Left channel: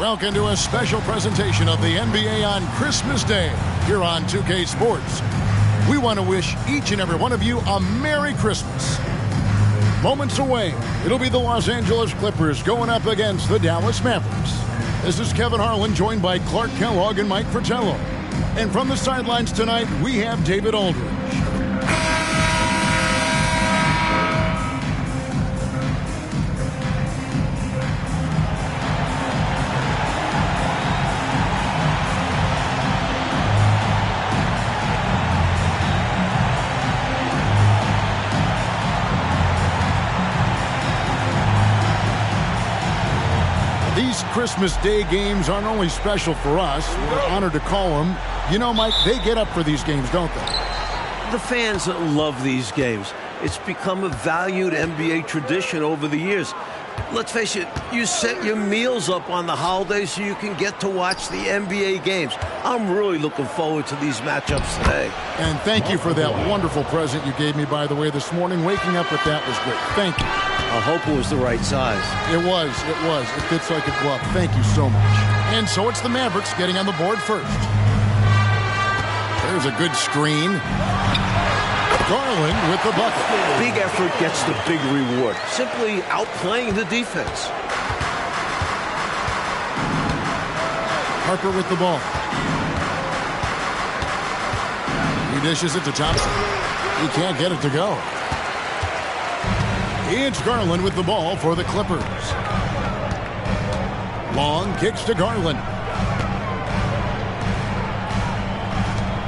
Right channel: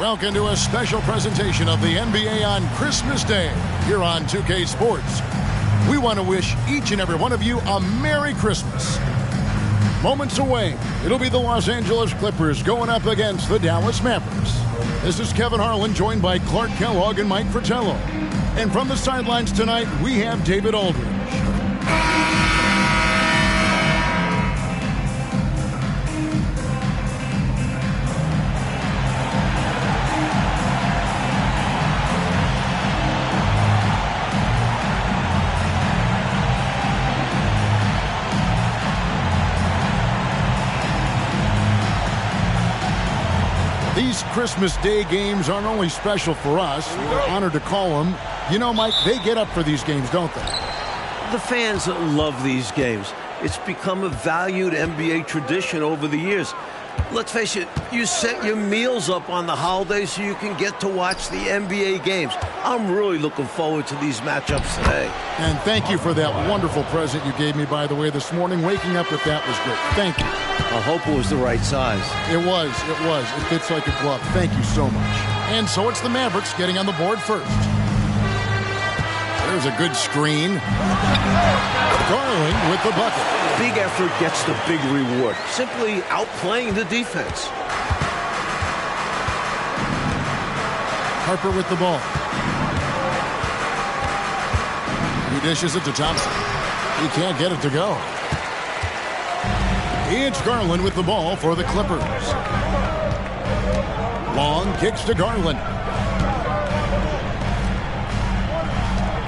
Welcome to a special presentation of the NBA on Christmas Day here on 2K Sports. We want to wish each and every one of you a Merry Christmas. Moments away, it'll be the Los Angeles Clippers going up against the Dallas Mavericks. This is Kevin Harlan, joined by Clark Kellogg and Mike Fratello. And from the sidelines tonight, we have David Aldridge. These Christmas Day games aren't only special for us, we're honored to call them. You know, Mike, they get up for these games, don't they? The fans love these games. It's become a valued NBA tradition over the years. Let's face it, you set your meals up on the holidays so you can get to watch the NBA games. I'm really looking forward to these matchups today. And thank you for that wonderful present you gave me, by the way, this morning. Waking up with that was great. Thank you. I hope it was the right size. It was. It fits like a glove. Thank you so much. And so it's the Mavericks getting on the board first. There's a good screen. Garland with the bucket. Big effort gets the big reward. Simply outplaying the defense. Harper with the ball. He dishes it to Thompson. He can't get it to go. It's Garland with the ball for the Clippers. Long kicks to Garland.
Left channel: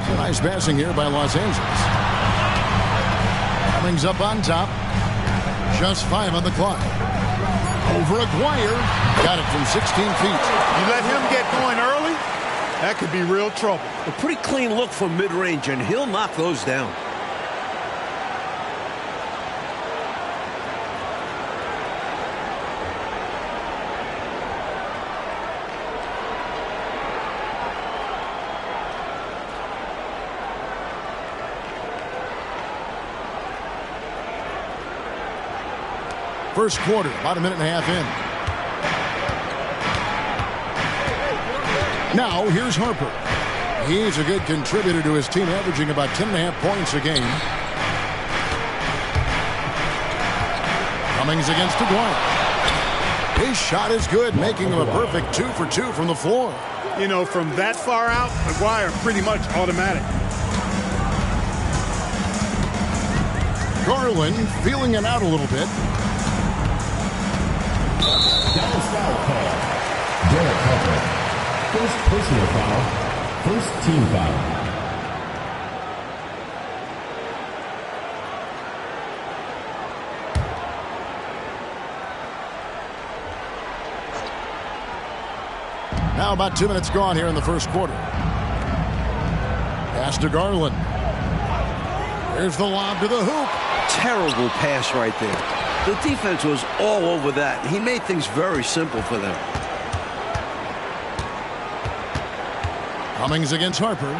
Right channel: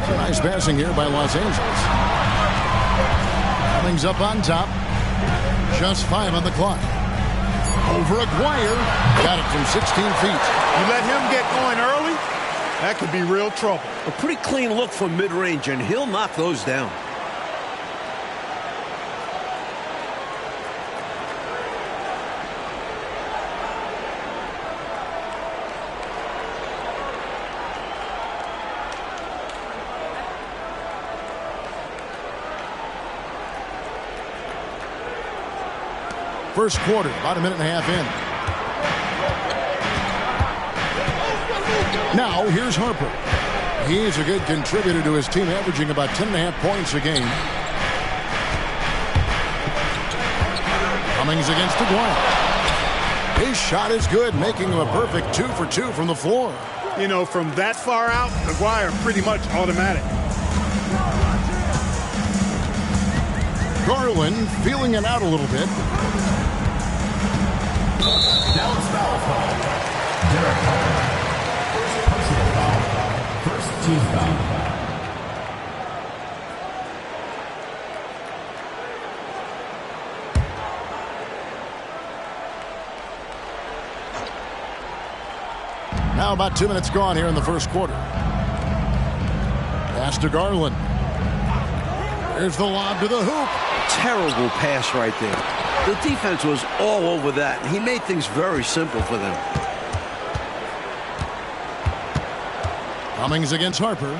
Some nice passing here by Los Angeles. Cummings up on top. Just 5 on the clock. Over Aguirre. Got it from 16 feet. You let him get going early, that could be real trouble. A pretty clean look from mid-range, and he'll knock those down. First quarter, about a minute and a half in. Now, here's Harper. He's a good contributor to his team, averaging about 10.5 points a game. Cummings against Aguirre. His shot is good, making him a perfect 2 for 2 from the floor. You know, from that far out, Aguirre pretty much automatic. Garland feeling it out a little bit. Dallas foul call. Derek Harper. First personal foul. First team foul. Now about 2 minutes gone here in the first quarter. Pass to Garland. There's the lob to the hoop. Terrible pass right there. The defense was all over that. He made things very simple for them. Cummings against Harper.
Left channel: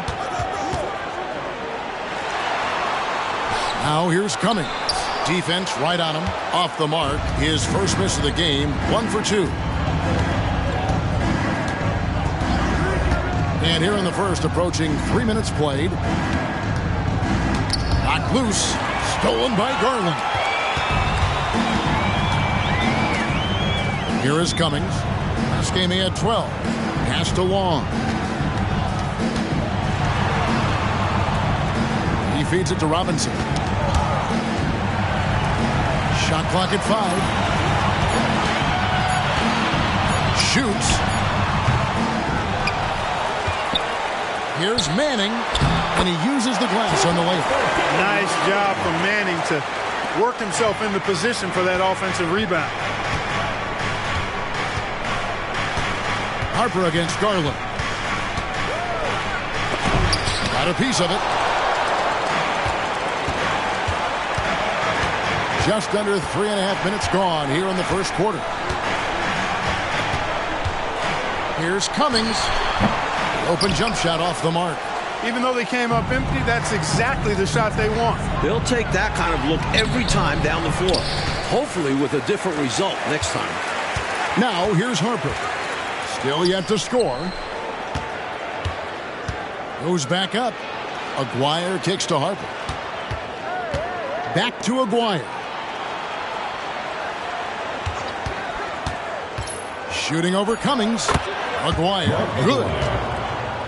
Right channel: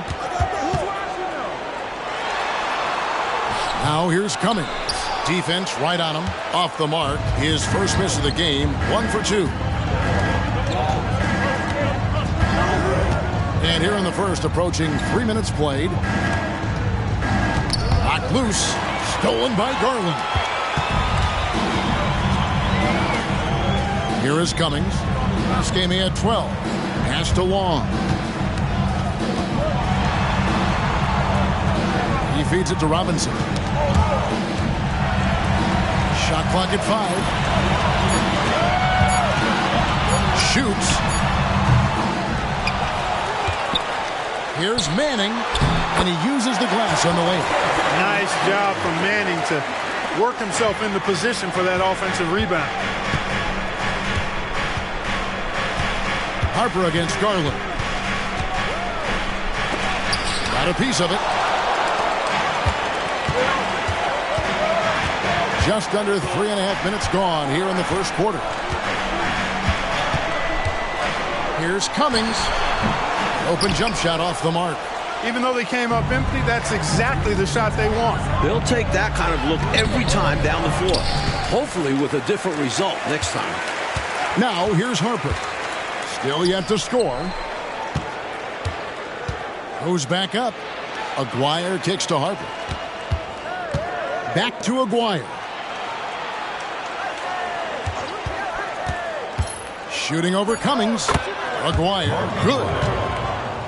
Now here's Cummings. Defense right on him. Off the mark. His first miss of the game. 1 for 2. And here in the first, approaching 3 minutes played. Knocked loose. Stolen by Garland. Here is Cummings. Last game he had 12. Pass to Long. He feeds it to Robinson. Shot clock at 5. Shoots. Here's Manning, and he uses the glass on the layup. Nice job from Manning to work himself into position for that offensive rebound. Harper against Garland. Got a piece of it. Just under 3.5 minutes gone here in the first quarter. Here's Cummings. Open jump shot off the mark. Even though they came up empty, that's exactly the shot they want. They'll take that kind of look every time down the floor. Hopefully with a different result next time. Now here's Harper. Still yet to score. Goes back up. Aguirre kicks to Harper. Back to Aguirre. Shooting over Cummings. Aguirre, good.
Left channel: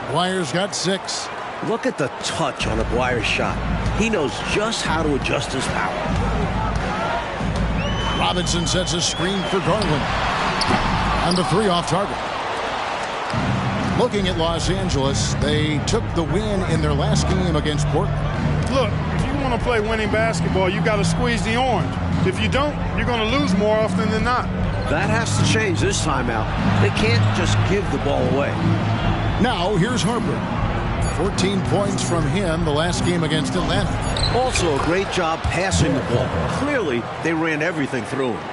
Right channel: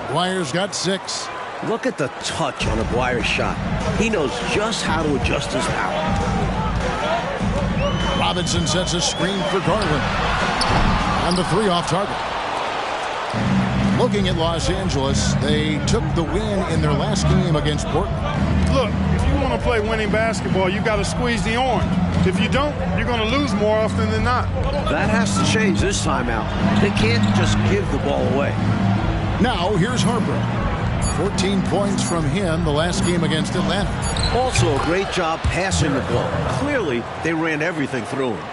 Aguirre's got 6. Look at the touch on Aguirre's shot. He knows just how to adjust his power. Robinson sets a screen for Garland. And the 3 off target. Looking at Los Angeles, they took the win in their last game against Portland. Look, if you want to play winning basketball, you got to squeeze the orange. If you don't, you're going to lose more often than not. That has to change this time out. They can't just give the ball away. Now, here's Harper. 14 points from him the last game against Atlanta. Also a great job passing the ball. Clearly, they ran everything through him.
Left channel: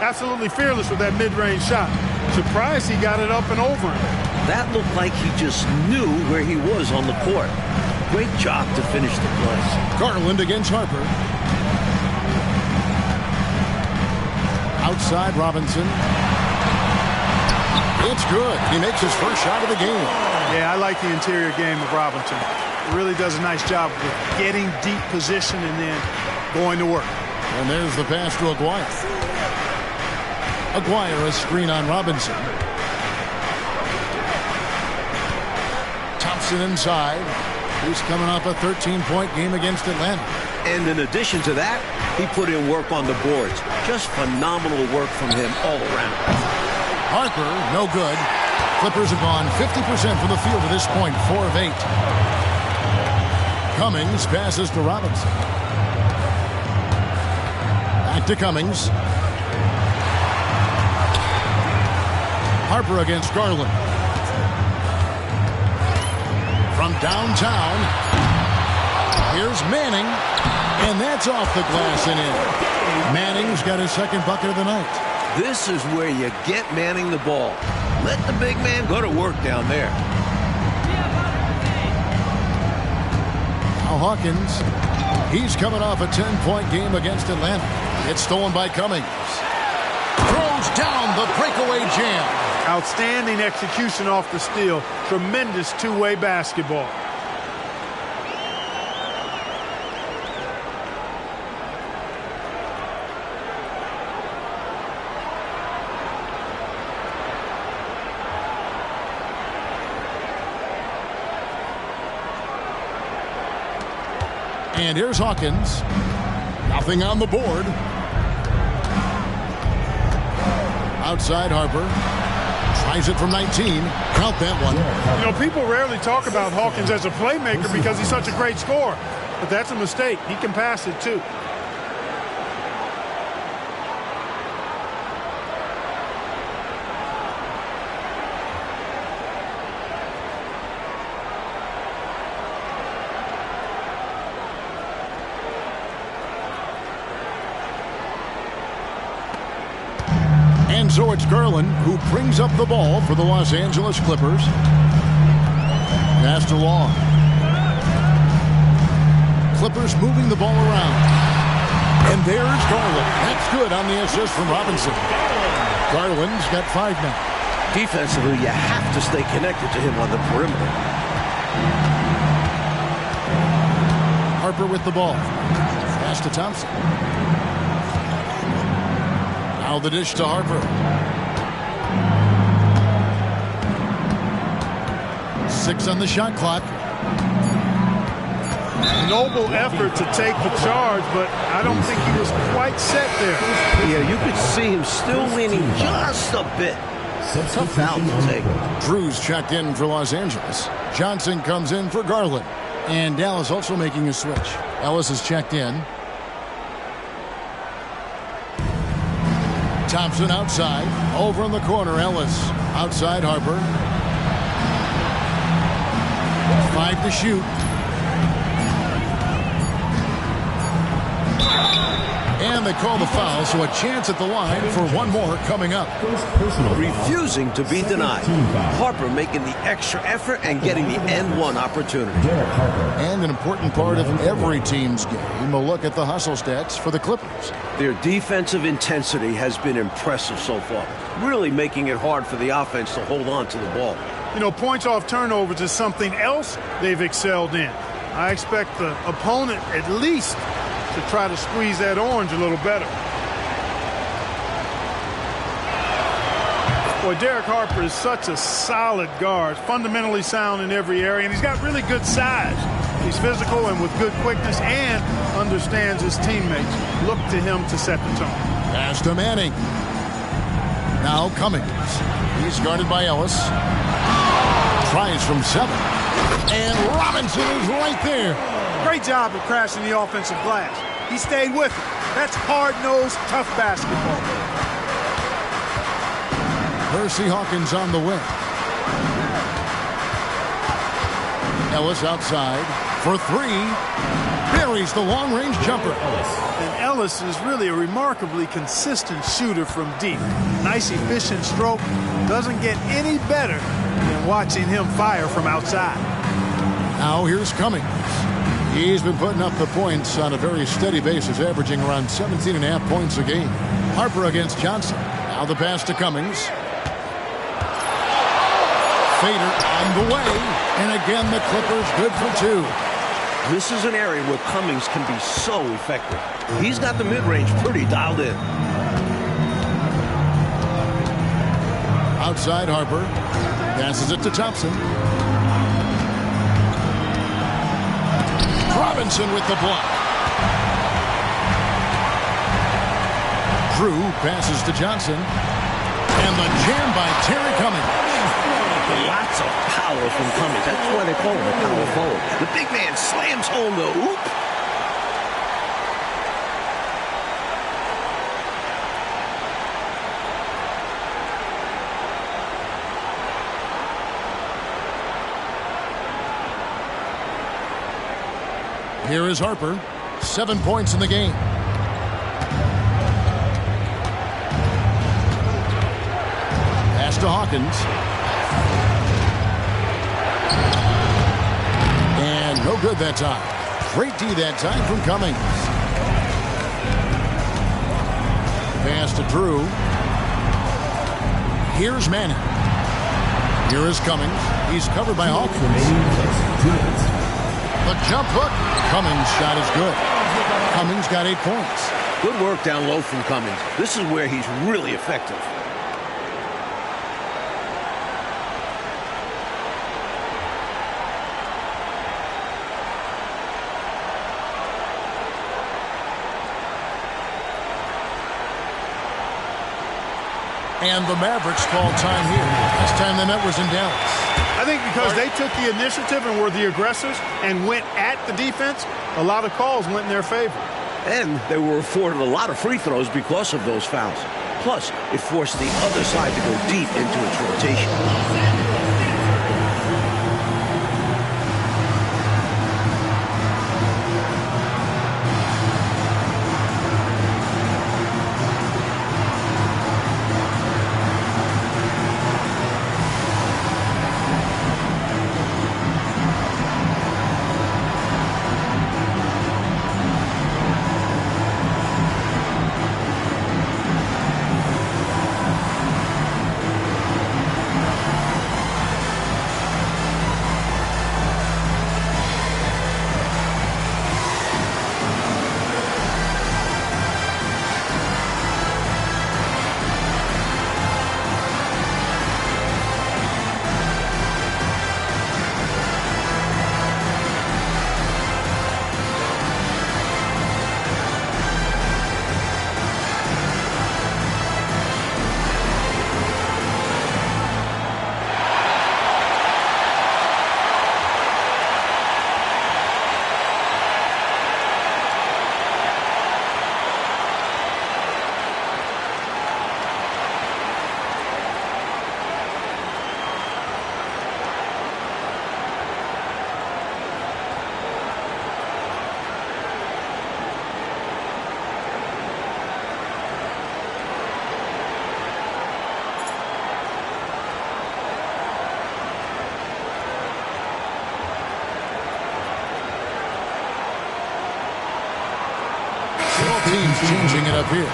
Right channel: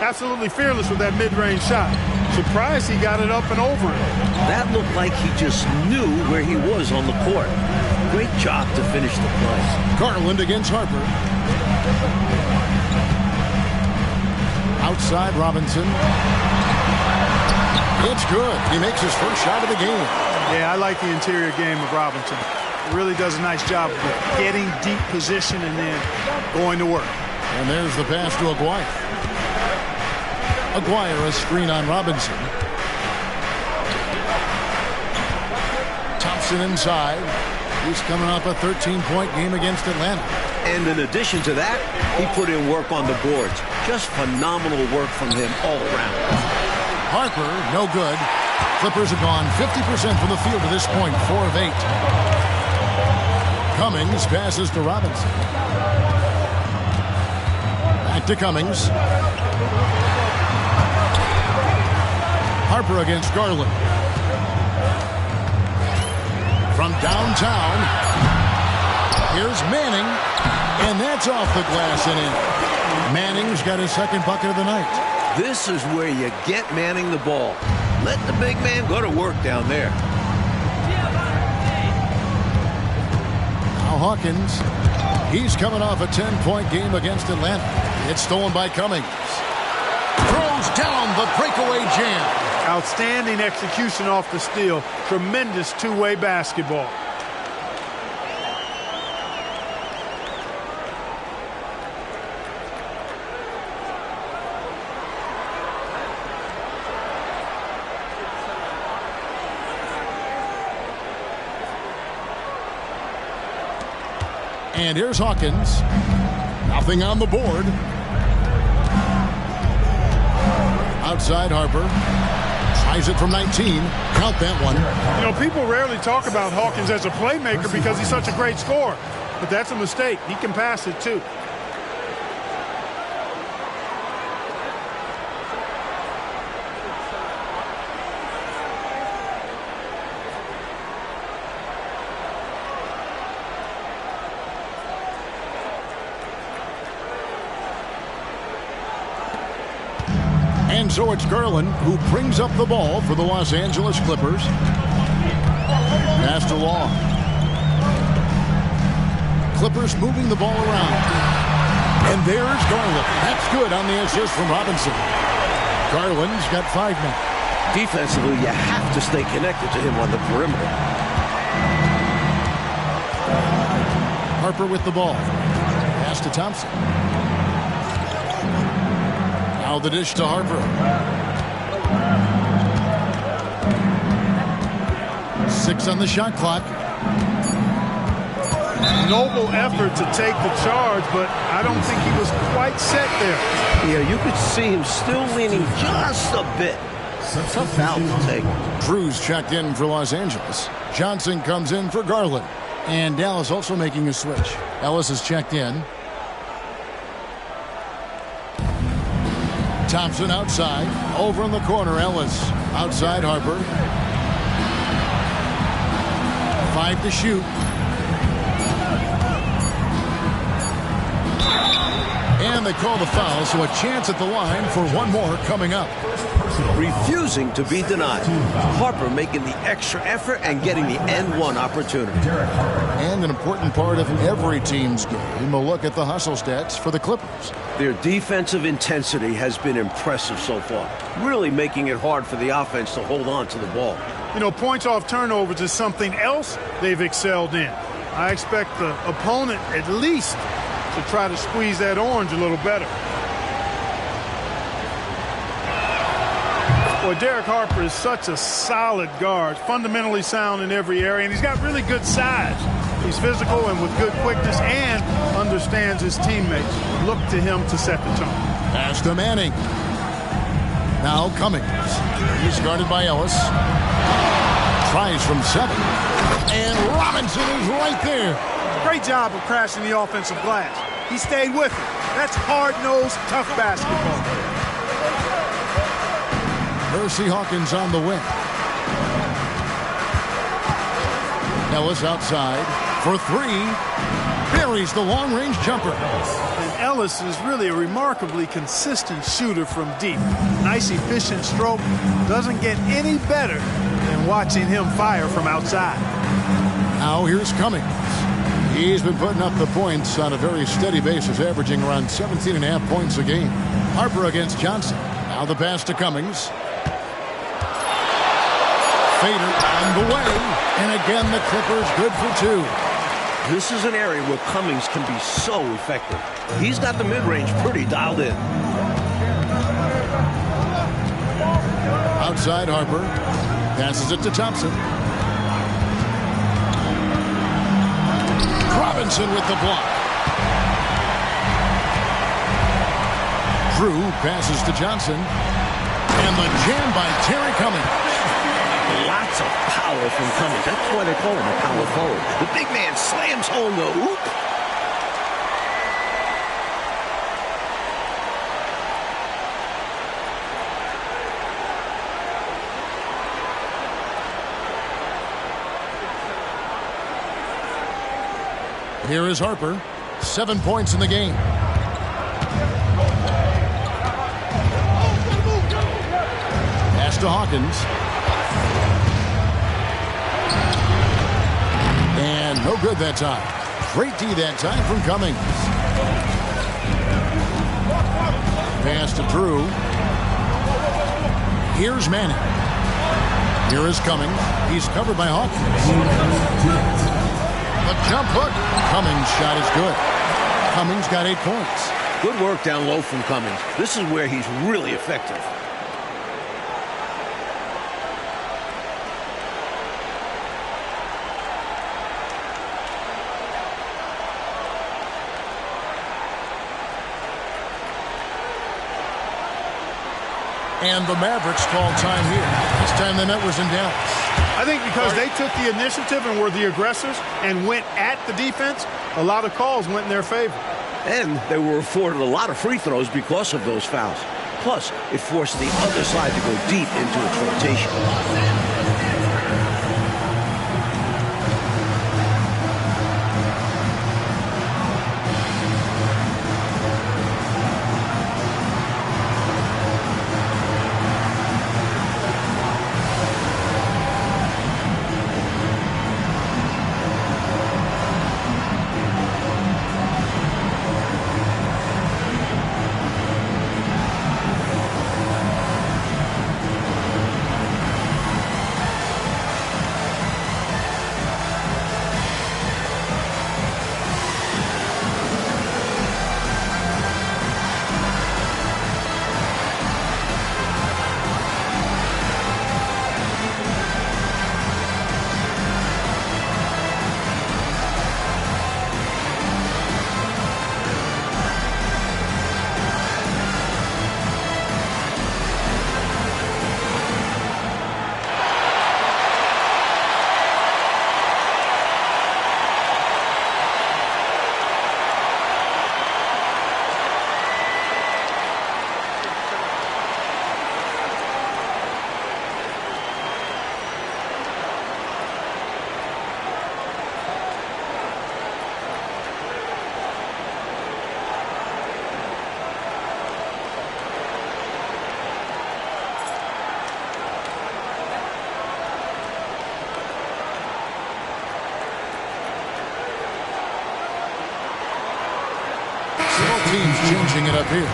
Absolutely fearless with that mid-range shot. Surprised he got it up and over him. That looked like he just knew where he was on the court. Great job to finish the play. Garland against Harper. Outside Robinson. It's good. He makes his first shot of the game. Yeah, I like the interior game of Robinson. He really does a nice job of getting deep position and then going to work. And there's the pass to Aguirre. Aguirre, a screen on Robinson. Thompson inside. He's coming off a 13-point game against Atlanta. And in addition to that, he put in work on the boards. Just phenomenal work from him all around. Harper, no good. Clippers have gone 50% from the field to this point, 4 of 8. Cummings passes to Robinson. Back to Cummings. Harper against Garland. From downtown, here's Manning, and that's off the glass and in. Manning's got his second bucket of the night. This is where you get Manning the ball. Let the big man go to work down there. Now Hawkins, he's coming off a 10-point game against Atlanta. It's stolen by Cummings. Throws down the breakaway jam. Outstanding execution off the steal. Tremendous two-way basketball. And here's Hawkins. Nothing on the board. Outside Harper. Tries it from 19. Count that one. You know, people rarely talk about Hawkins as a playmaker because he's such a great scorer. But that's a mistake. He can pass it, too. And so it's Garland who brings up the ball for the Los Angeles Clippers. Pass to Long. Clippers moving the ball around. And there's Garland. That's good on the assist from Robinson. Garland's got 5 now. Defensively, you have to stay connected to him on the perimeter. Harper with the ball. Pass to Thompson. Now the dish to Harper. 6 on the shot clock. Noble effort to take the charge, but I don't think he was quite set there. Yeah, you could see him still leaning just a bit. Tough foul to take. Drews checked in for Los Angeles. Johnson comes in for Garland. And Dallas also making a switch. Ellis is checked in. Thompson outside. Over in the corner, Ellis. Outside Harper. 5 to shoot. And they call the foul, so a chance at the line for one more coming up. First personal foul. Refusing to be denied. Team foul. Harper making the extra effort and getting the N1 opportunity. Derek Harper. And an important part of every team's game, a look at the hustle stats for the Clippers. Their defensive intensity has been impressive so far, really making it hard for the offense to hold on to the ball. You know, points off turnovers is something else they've excelled in. I expect the opponent at least to try to squeeze that orange a little better. Boy, Derek Harper is such a solid guard, fundamentally sound in every area, and he's got really good size. He's physical and with good quickness and understands his teammates. Look to him to set the tone. Pass to Manning. Now Cummings. He's guarded by Ellis. Tries from 7. And Robinson is right there. Great job of crashing the offensive glass. He stayed with it. That's hard-nosed, tough basketball. Percy Hawkins on the wing. Ellis outside for 3. Buries the long-range jumper. And Ellis is really a remarkably consistent shooter from deep. Nice, efficient stroke. Doesn't get any better than watching him fire from outside. Now here's Cummings. He's been putting up the points on a very steady basis, averaging around 17.5 points a game. Harper against Johnson. Now the pass to Cummings. Fader on the way. And again, the Clippers good for 2. This is an area where Cummings can be so effective. He's got the mid-range pretty dialed in. Outside Harper. Passes it to Thompson. Robinson with the block. Drew passes to Johnson. And the jam by Terry Cummings. Lots of power from Cummings. That's why they call him a power forward. The big man slams home the hoop. Here is Harper. 7 points in the game. Pass to Hawkins. And no good that time. Great D that time from Cummings. Pass to Drew. Here's Manning. Here is Cummings. He's covered by Hawkins. The jump hook. Cummings' shot is good. Cummings got 8 points. Good work down low from Cummings. This is where he's really effective. And the Mavericks called time here. Last time they met was in Dallas. I think because they took the initiative and were the aggressors and went at the defense, a lot of calls went in their favor. And they were afforded a lot of free throws because of those fouls. Plus, it forced the other side to go deep into its rotation. Both teams changing it up here.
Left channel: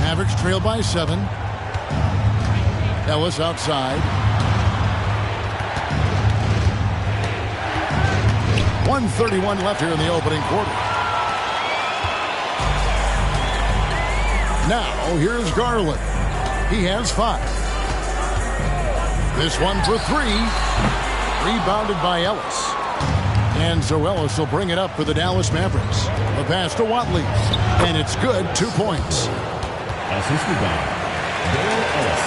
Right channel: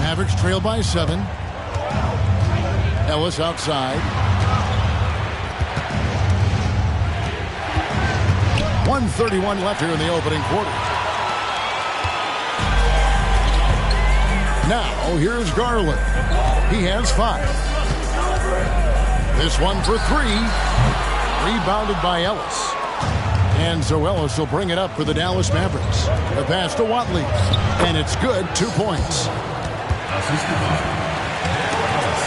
Mavericks trail by 7. Ellis outside. 1:31 left here in the opening quarter. Now here's Garland. He has 5. This one for 3. Rebounded by Ellis. And so Ellis will bring it up for the Dallas Mavericks. The pass to Watley. And it's good. 2 points. Assisted by Dale Ellis.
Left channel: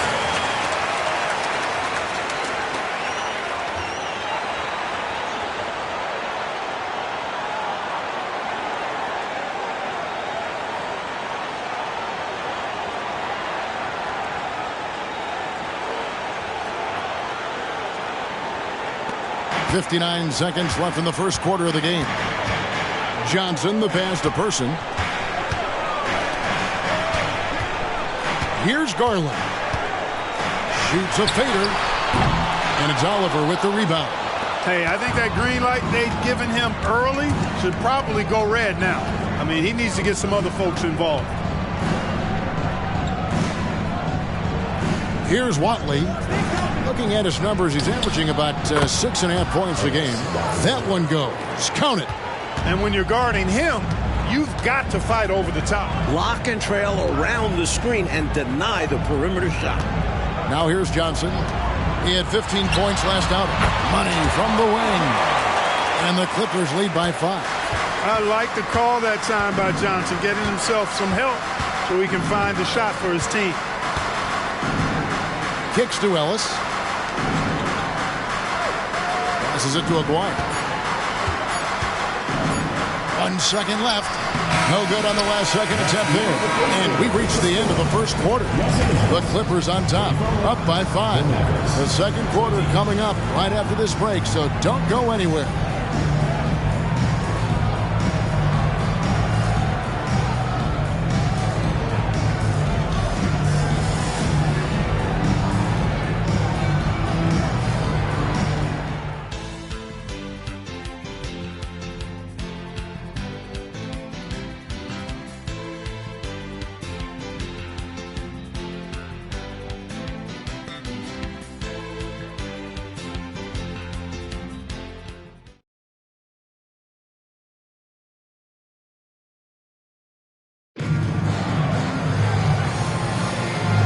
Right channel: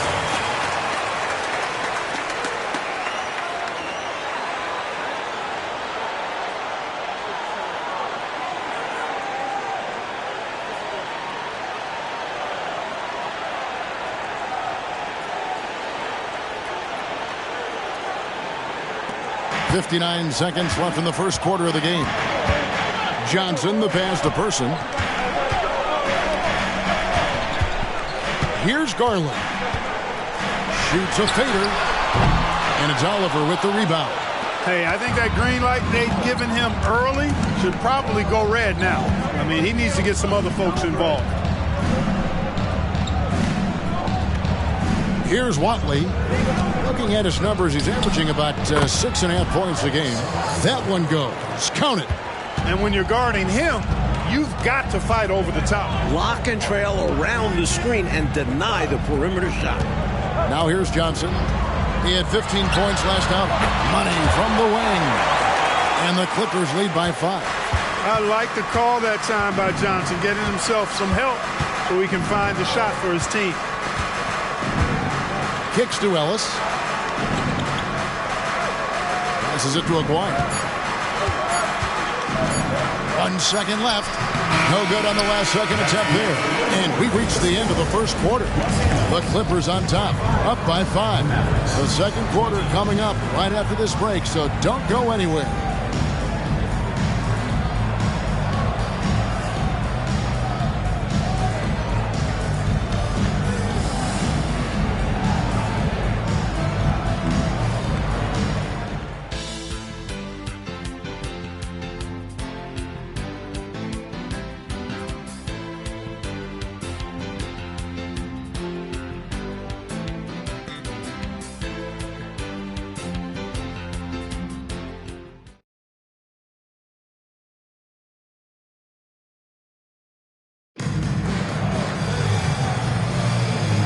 .59 seconds left in the first quarter of the game. Johnson, the pass to Person. Here's Garland. Shoots a fader. And it's Oliver with the rebound. Hey, I think that green light they've given him early should probably go red now. I mean, he needs to get some other folks involved. Here's Watley. Looking at his numbers, he's averaging about 6.5 points a game. That one goes. Count it. And when you're guarding him, you've got to fight over the top. Lock and trail around the screen and deny the perimeter shot. Now here's Johnson. He had 15 points last outing. Money from the wing. And the Clippers lead by 5. I like the call that time by Johnson, getting himself some help so he can find the shot for his team. Kicks to Ellis. Passes it to Aguirre. 1 second left. No good on the last second attempt there. And we reached the end of the first quarter. The Clippers on top, up by 5. The second quarter coming up right after this break, so don't go anywhere.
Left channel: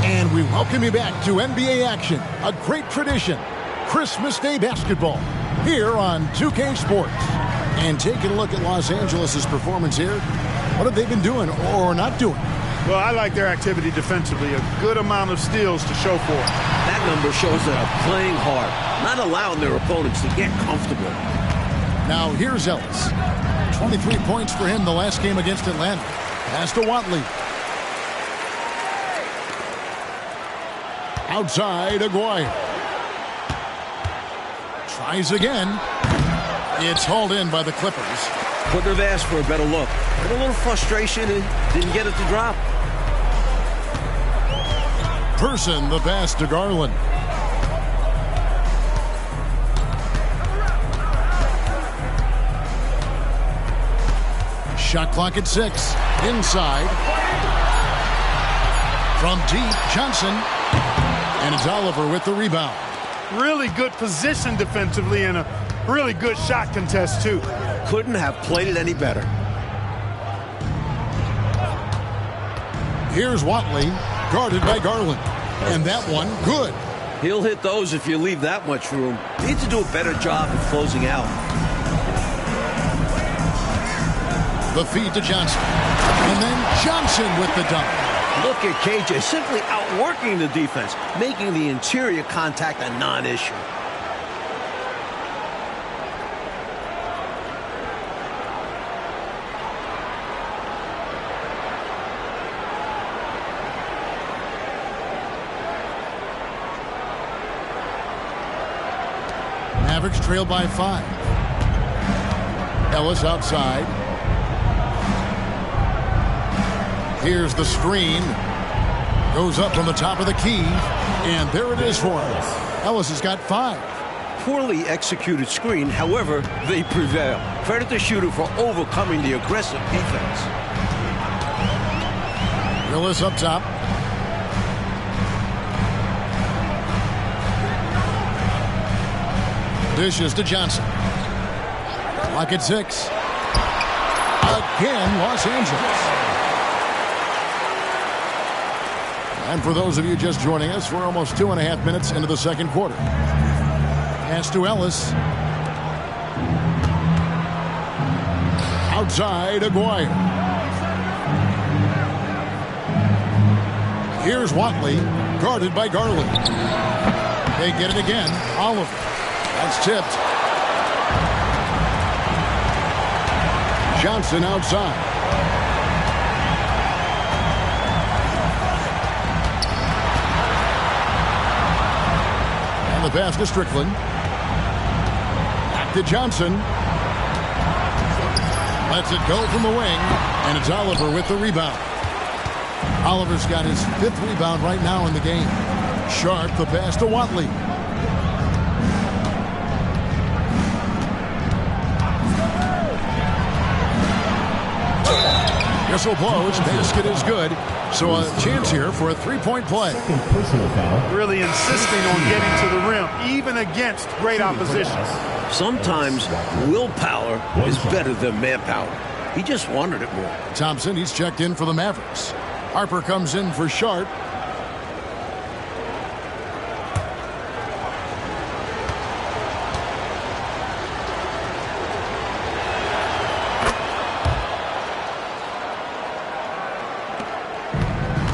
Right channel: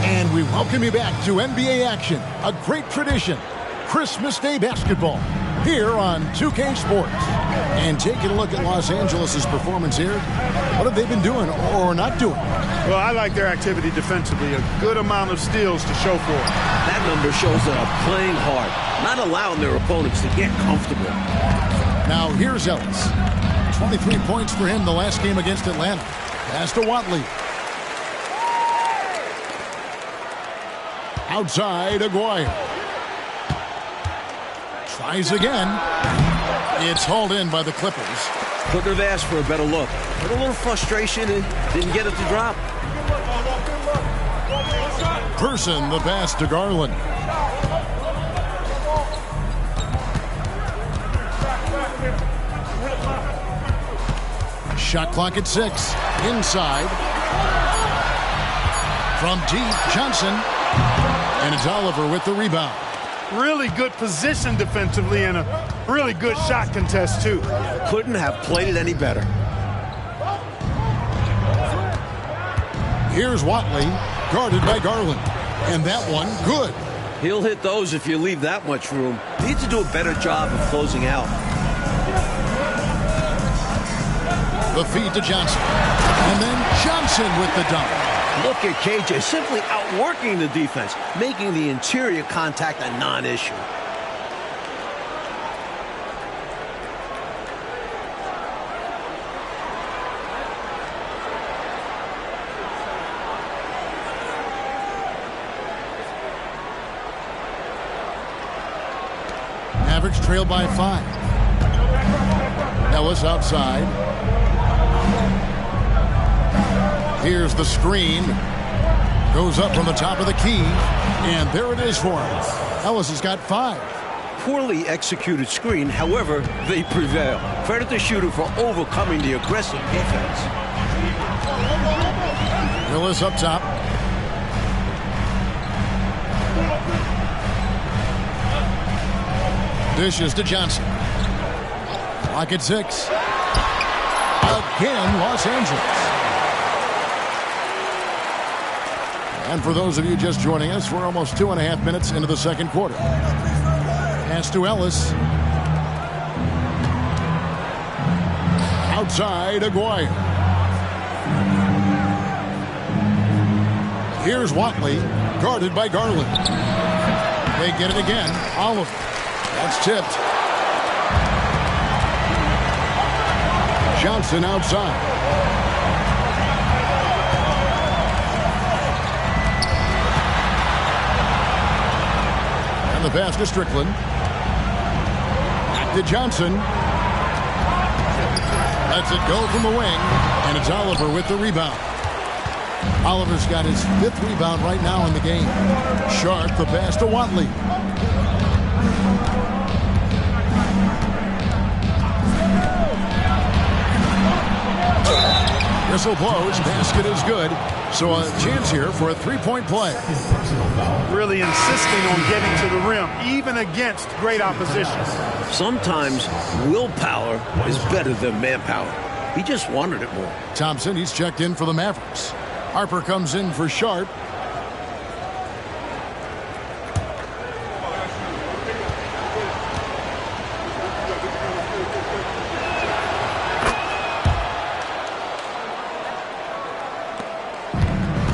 And we welcome you back to NBA action, a great tradition, Christmas Day basketball, here on 2K Sports. And taking a look at Los Angeles' performance here, what have they been doing or not doing? Well, I like their activity defensively, a good amount of steals to show for it. That number shows they're playing hard, not allowing their opponents to get comfortable. Now here's Ellis. 23 points for him the last game against Atlanta. Pass to Watley. Outside, Aguirre. Tries again. It's hauled in by the Clippers. Couldn't have asked for a better look. Had a little frustration and didn't get it to drop. Person, the pass to Garland. Shot clock at 6. Inside. From deep, Johnson. And it's Oliver with the rebound. Really good position defensively and a really good shot contest, too. Couldn't have played it any better. Here's Watley, guarded by Garland. And that one, good. He'll hit those if you leave that much room. Needs to do a better job of closing out. The feed to Johnson. And then Johnson with the dunk. Look at KJ simply outworking the defense, making the interior contact a non-issue. Mavericks trail by 5. Ellis outside. Here's the screen. Goes up from the top of the key. And there it is for him. Ellis has got 5. Poorly executed screen, however, they prevail. Credit the shooter for overcoming the aggressive defense. Willis up top. Dishes to Johnson. Clock at 6. Again, Los Angeles. And for those of you just joining us, we're almost 2.5 minutes into the second quarter. Pass to Ellis. Outside, Aguirre. Here's Watley, guarded by Garland. They get it again. Oliver. That's tipped. Johnson outside. And the pass to Strickland. Back to Johnson. Lets it go from the wing. And it's Oliver with the rebound. Oliver's got his 5th rebound right now in the game. Sharp, the pass to Watley. Whistle blows, basket is good. So a chance here for a 3-point play. Really insisting on getting to the rim, even against great opposition. Sometimes willpower is better than manpower. He just wanted it more. Thompson, he's checked in for the Mavericks. Harper comes in for Sharp.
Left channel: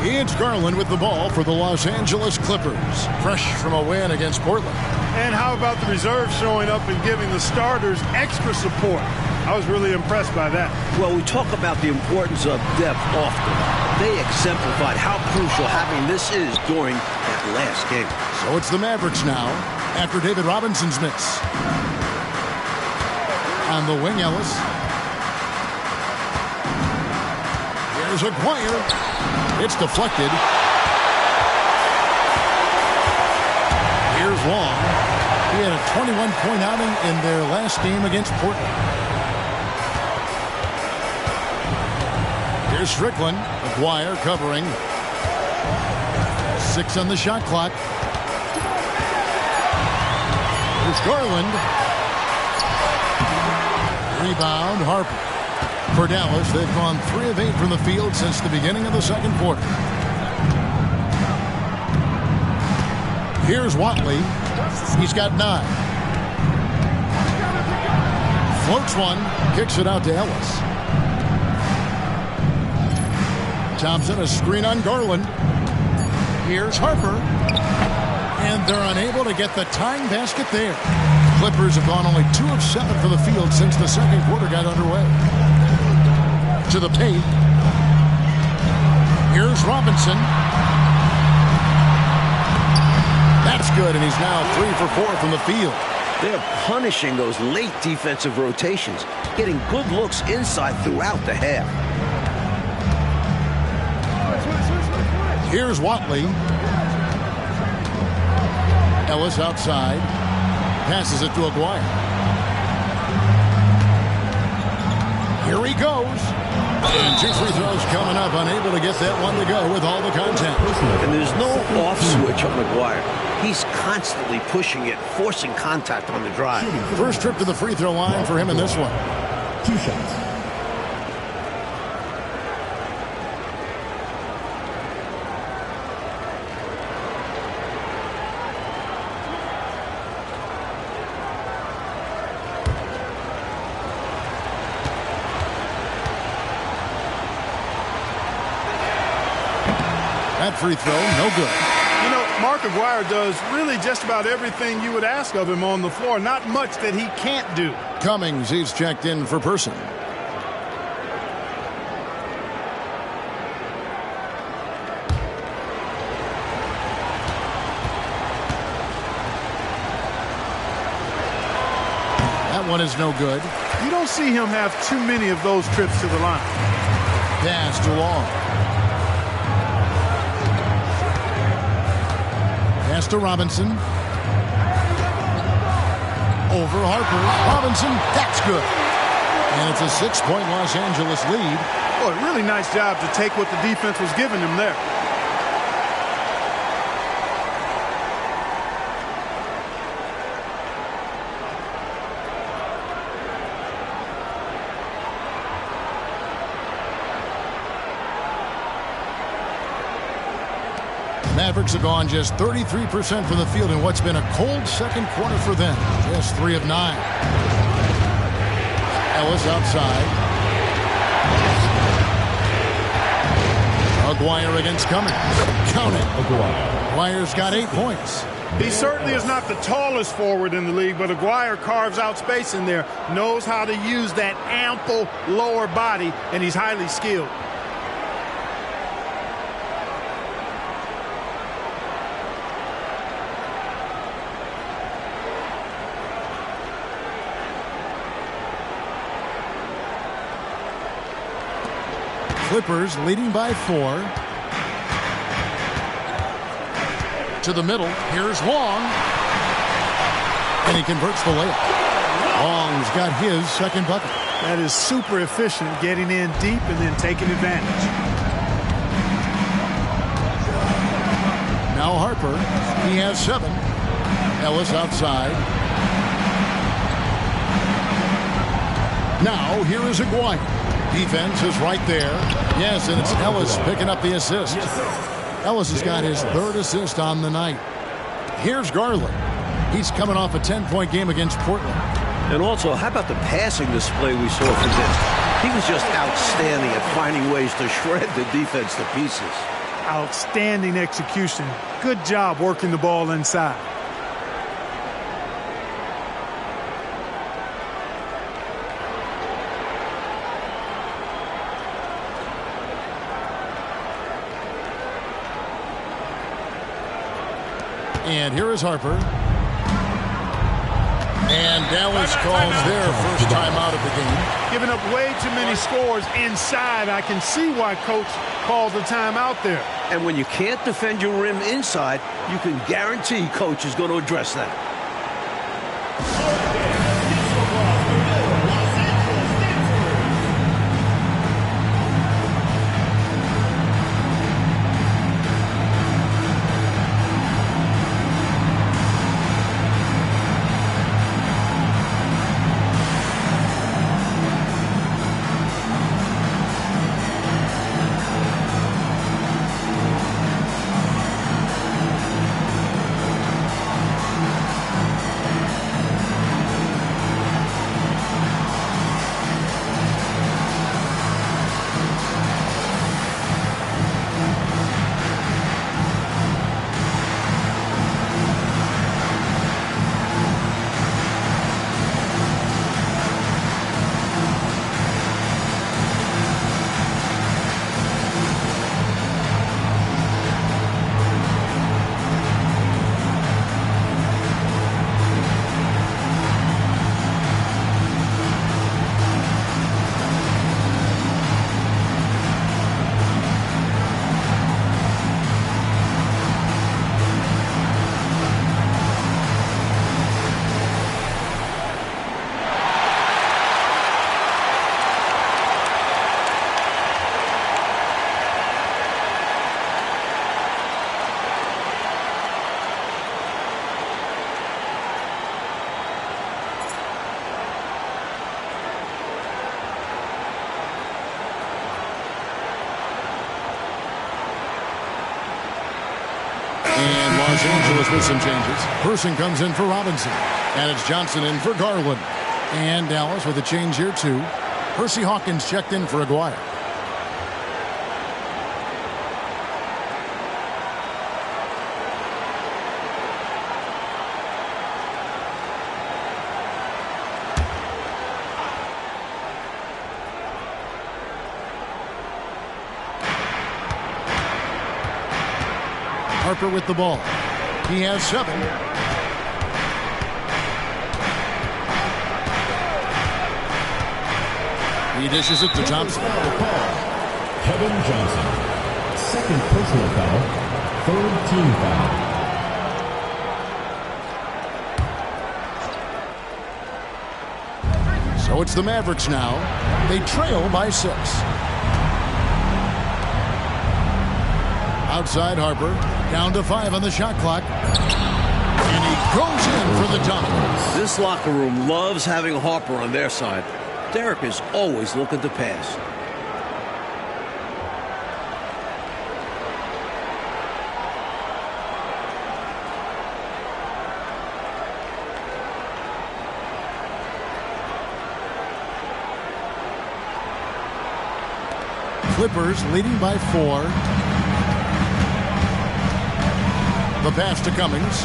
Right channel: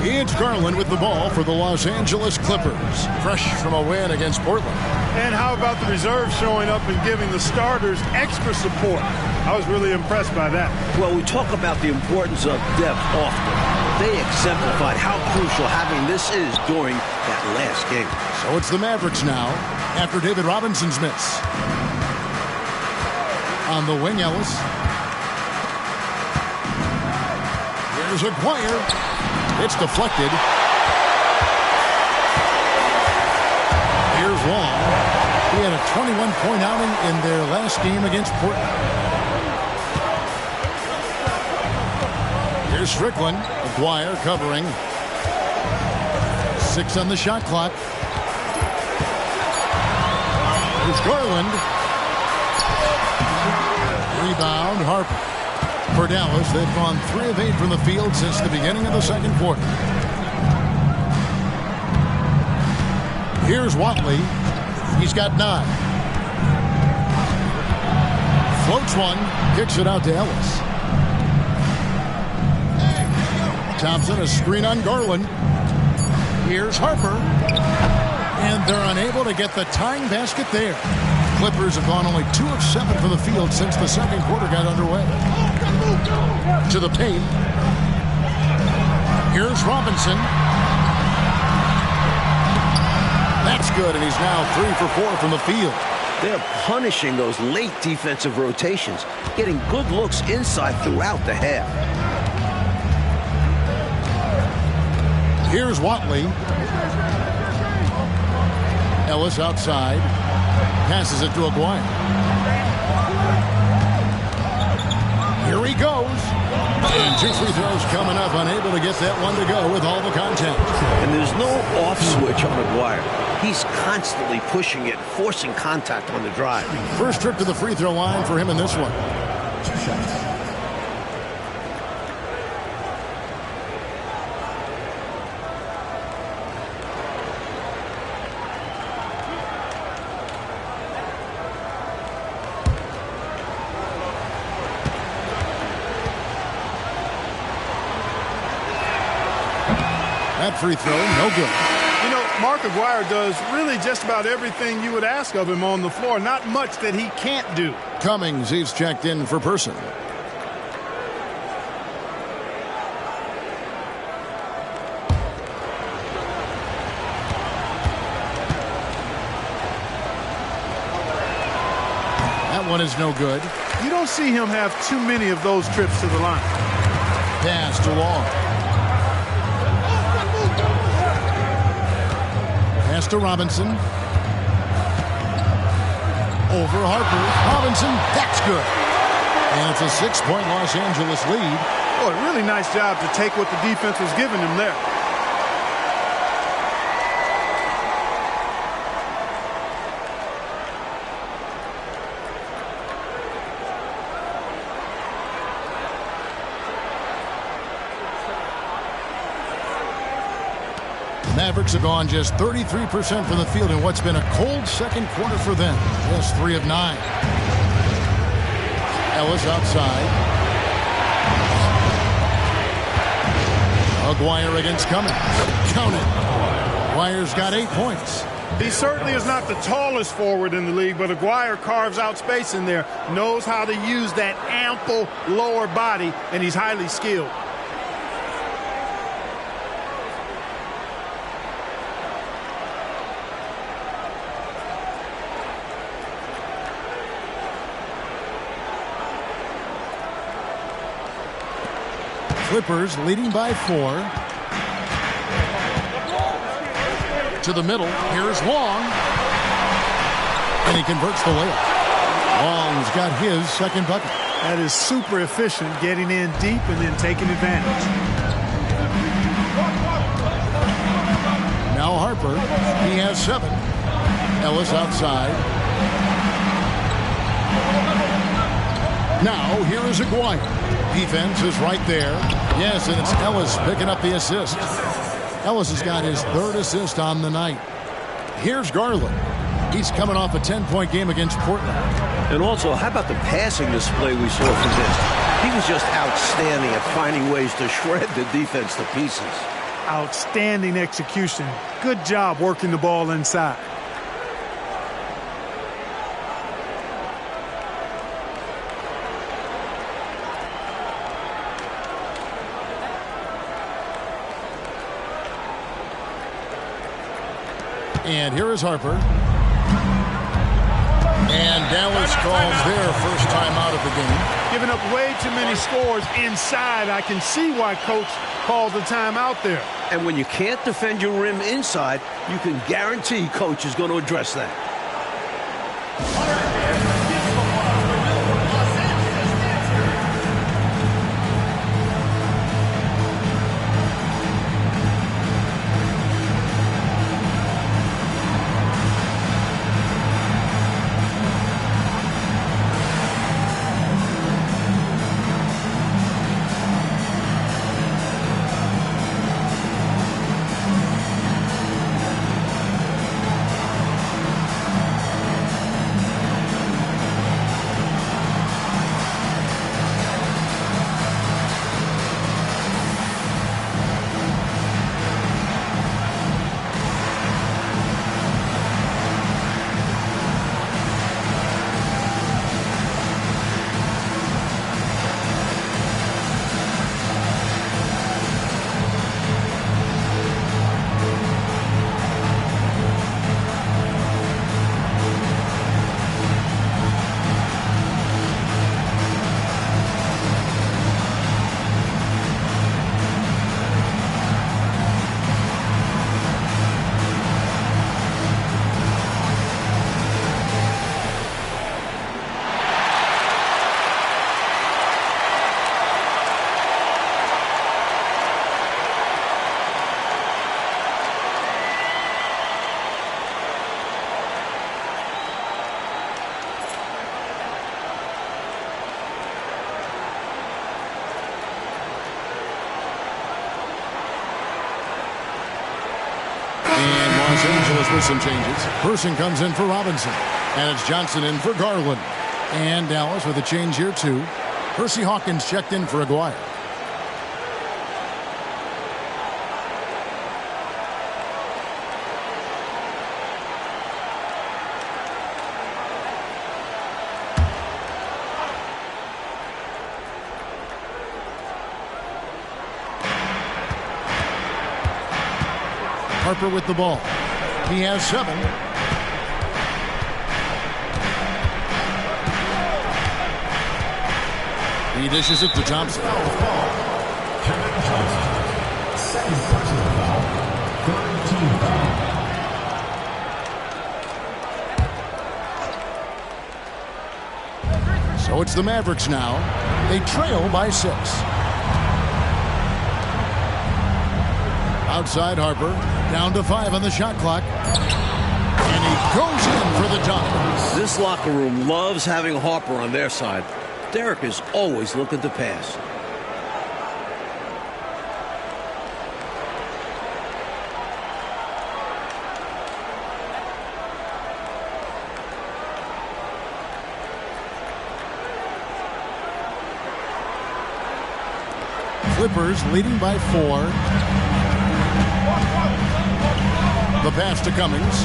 It's Garland with the ball for the Los Angeles Clippers. Fresh from a win against Portland. And how about the reserves showing up and giving the starters extra support? I was really impressed by that. Well, we talk about the importance of depth often. They exemplified how crucial having this is during that last game. So it's the Mavericks now after David Robinson's miss. On the wing, Ellis. Here's Aguirre. It's deflected. Here's Long. He had a 21-point outing in their last game against Portland. Here's Strickland. Aguirre covering. 6 on the shot clock. Here's Garland. Rebound, Harper. For Dallas, they've gone 3 of 8 from the field since the beginning of the second quarter. Here's Watley. He's got 9. Floats one, kicks it out to Ellis. Thompson, a screen on Garland. Here's Harper. And they're unable to get the tying basket there. Clippers have gone only 2 of 7 from the field since the second quarter got underway. To the paint. Here's Robinson. That's good, and he's now 3 for 4 from the field. They're punishing those late defensive rotations, getting good looks inside throughout the half. Here's Watley. Ellis outside. Passes it to Aguirre. Here he goes. And 2 free throws coming up. Unable to get that one to go with all the contact. And there's no off switch on Aguirre. He's constantly pushing it, forcing contact on the drive. First trip to the free throw line for him in this one. 2 shots. That free throw, no good. You know, Mark Aguirre does really just about everything you would ask of him on the floor. Not much that he can't do. Cummings, he's checked in for Person. That one is no good. You don't see him have too many of those trips to the line. Pass to Long. Pass to Robinson. Over Harper. Robinson, that's good. And it's a 6-point Los Angeles lead. Boy, really nice job to take what the defense was giving him there. Mavericks have gone just 33% from the field in what's been a cold second quarter for them. Just 3 of 9. Ellis outside. Aguirre against Cummings. Count it. Aguirre's got 8 points. He certainly is not the tallest forward in the league, but Aguirre carves out space in there, knows how to use that ample lower body, and he's highly skilled. Clippers leading by 4. To the middle. Here's Long. And he converts the layup. Long's got his second bucket. That is super efficient, getting in deep and then taking advantage. Now Harper. He has 7. Ellis outside. Now here is Aguirre. Defense is right there. Yes, and it's Ellis picking up the assist. Ellis has got his 3rd assist on the night. Here's Garland. He's coming off a 10-point game against Portland. And also, how about the passing display we saw from him? He was just outstanding at finding ways to shred the defense to pieces. Outstanding execution. Good job working the ball inside. And here is Harper. And Dallas calls their first time out of the game. Giving up way too many scores inside. I can see why Coach called the timeout there. And when you can't defend your rim inside, you can guarantee Coach is going to address that. And Los Angeles with some changes. Person comes in for Robinson. And it's Johnson in for Garland. And Dallas with a change here, too. Percy Hawkins checked in for Aguirre. Harper with the ball. He has 7. He dishes it to Thompson. Kevin Johnson. Second personal foul. 3rd team foul. So it's the Mavericks now. They trail by 6. Outside Harper. Down to 5 on the shot clock. And he goes in for the dunk. This locker room loves having Harper on their side. Derek is always looking to pass. Clippers leading by 4. The pass to Cummings.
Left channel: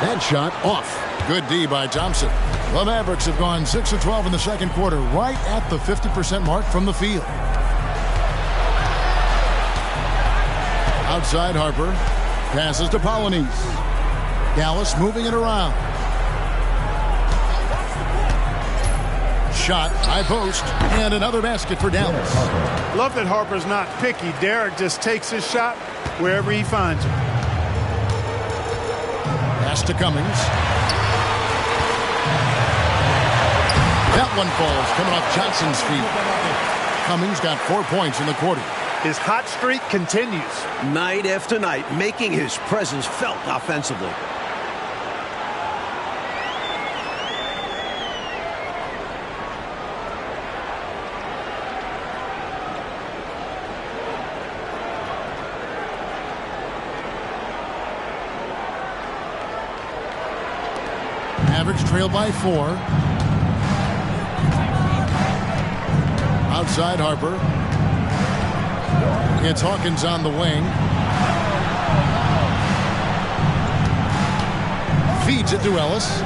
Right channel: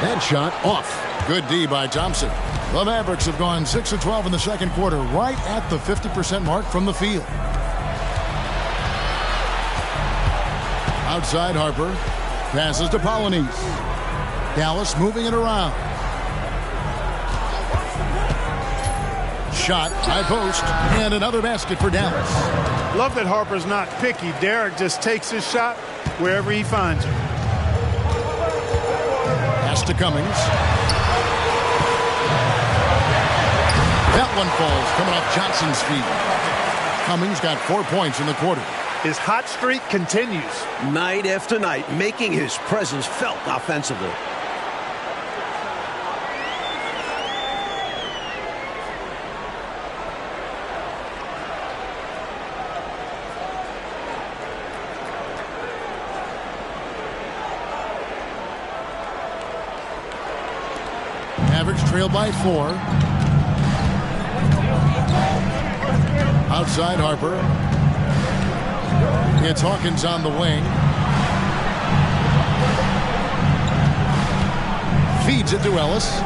That shot off. Good D by Thompson. The Mavericks have gone 6 of 12 in the second quarter, right at the 50% mark from the field. Outside Harper. Passes to Polynice. Dallas moving it around. Shot, high post, and another basket for Dallas. Love that Harper's not picky. Derek just takes his shot wherever he finds it. Pass to Cummings. That one falls, coming off Johnson's feet. Cummings got 4 points in the quarter. His hot streak continues. Night after night, making his presence felt offensively. Mavericks trail by 4. Outside Harper. It's Hawkins on the wing. Feeds it to Ellis.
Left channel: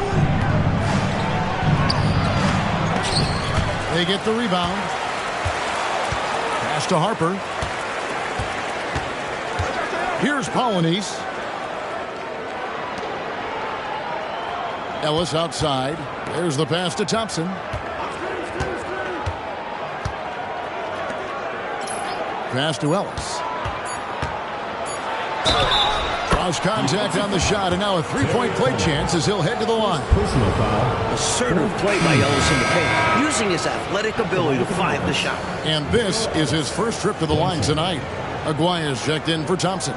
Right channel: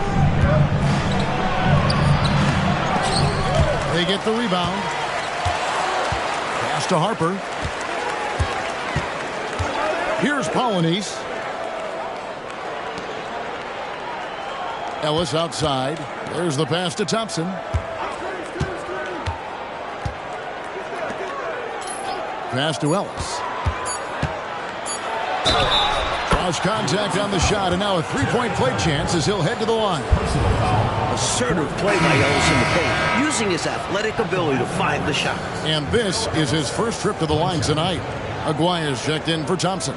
They get the rebound. Pass to Harper. Here's Polynice. Ellis outside. There's the pass to Thompson. Pass to Ellis. Cross contact on the shot, and now a three-point play chance as he'll head to the line. Personal foul. Assertive play by Ellis in the paint, using his athletic ability to find the shot. And this is his first trip to the line tonight. Aguirre's checked in for Thompson.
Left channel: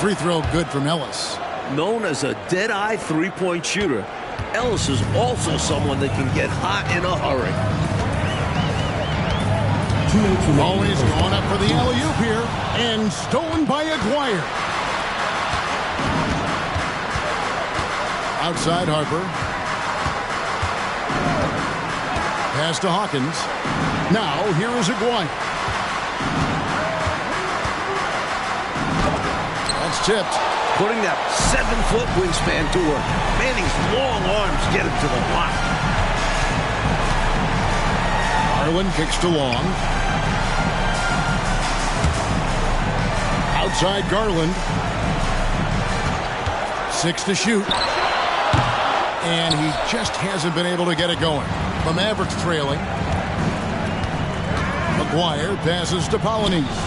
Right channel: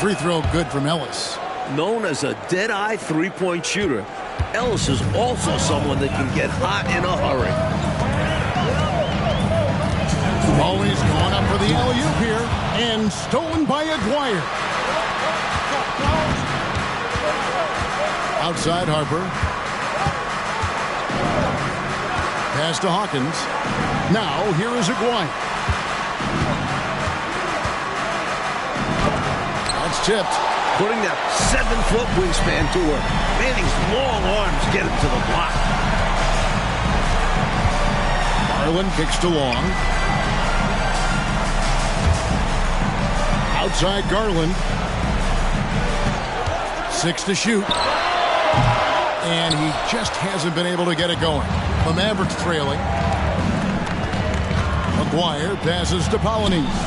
Free throw good from Ellis. Known as a dead-eye three-point shooter, Ellis is also someone that can get hot in a hurry. Always going up for the alley-oop here, and stolen by Aguirre. Outside Harper. Pass to Hawkins. Now here is Aguirre. That's tipped. Putting that 7-foot wingspan to work. Manning's long arms get him to the block. Garland kicks to Long. Outside Garland. 6 to shoot. And he just hasn't been able to get it going. The Mavericks trailing. Aguirre passes to Polynice.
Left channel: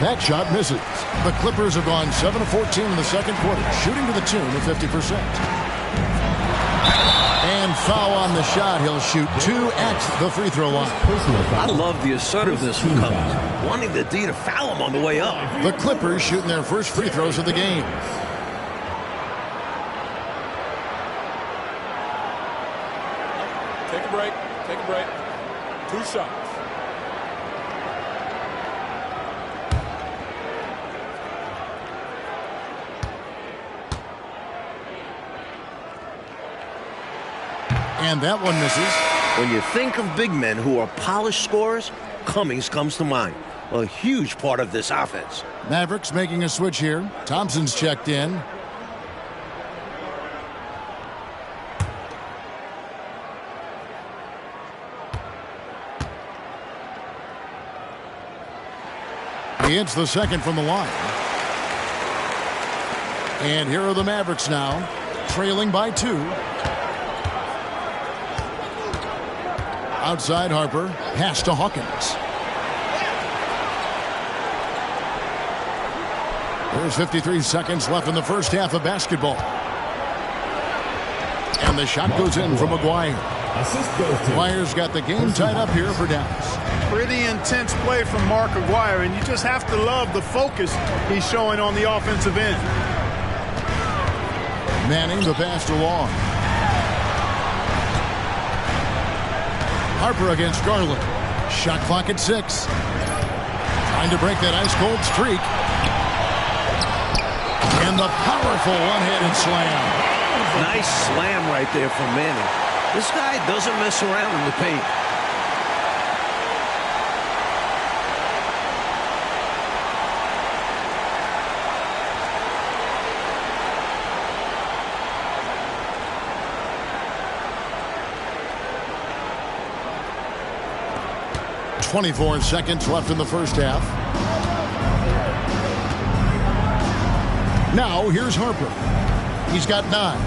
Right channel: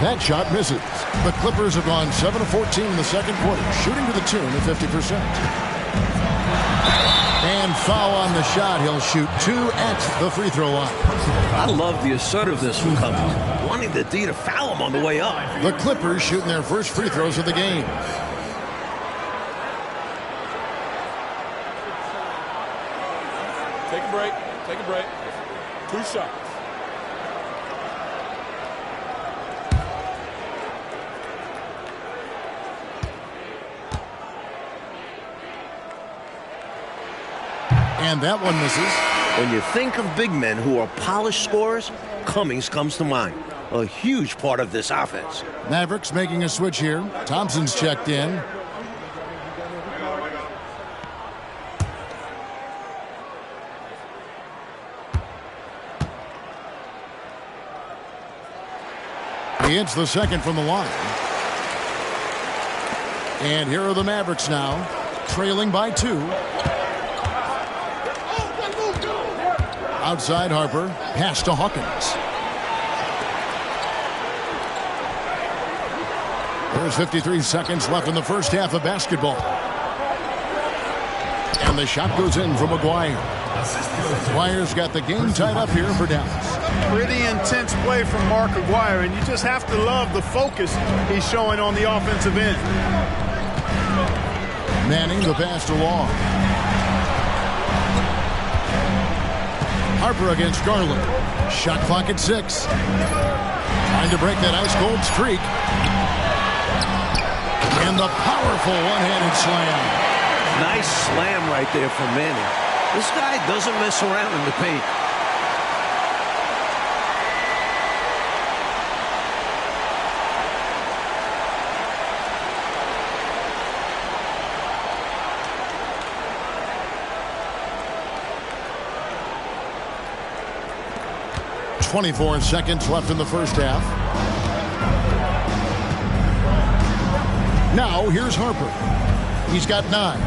That shot misses. The Clippers have gone 7 of 14 in the second quarter, shooting to the tune of 50%. And foul on the shot. He'll shoot 2 at the free throw line. I love the assertiveness from Cummings, wanting the D to foul him on the way up. The Clippers shooting their first free throws of the game. Take a break. Take a break. 2 shots. And that one misses. When you think of big men who are polished scorers, Cummings comes to mind. A huge part of this offense. Mavericks making a switch here. Thompson's checked in. He hits the second from the line. And here are the Mavericks now, trailing by 2. Outside Harper, pass to Hawkins. There's 53 seconds left in the first half of basketball. And the shot goes in from Maguire. Maguire's got the game tied up here for Dallas. Pretty intense play from Mark Maguire, and you just have to love the focus he's showing on the offensive end. Manning the pass to Long. Harper against Garland. Shot clock at 6. Trying to break that ice-cold streak. And the powerful one-handed slam. Nice slam right there from Manning. This guy doesn't mess around in the paint. .24 seconds left in the first half. Now here's Harper. He's got 9.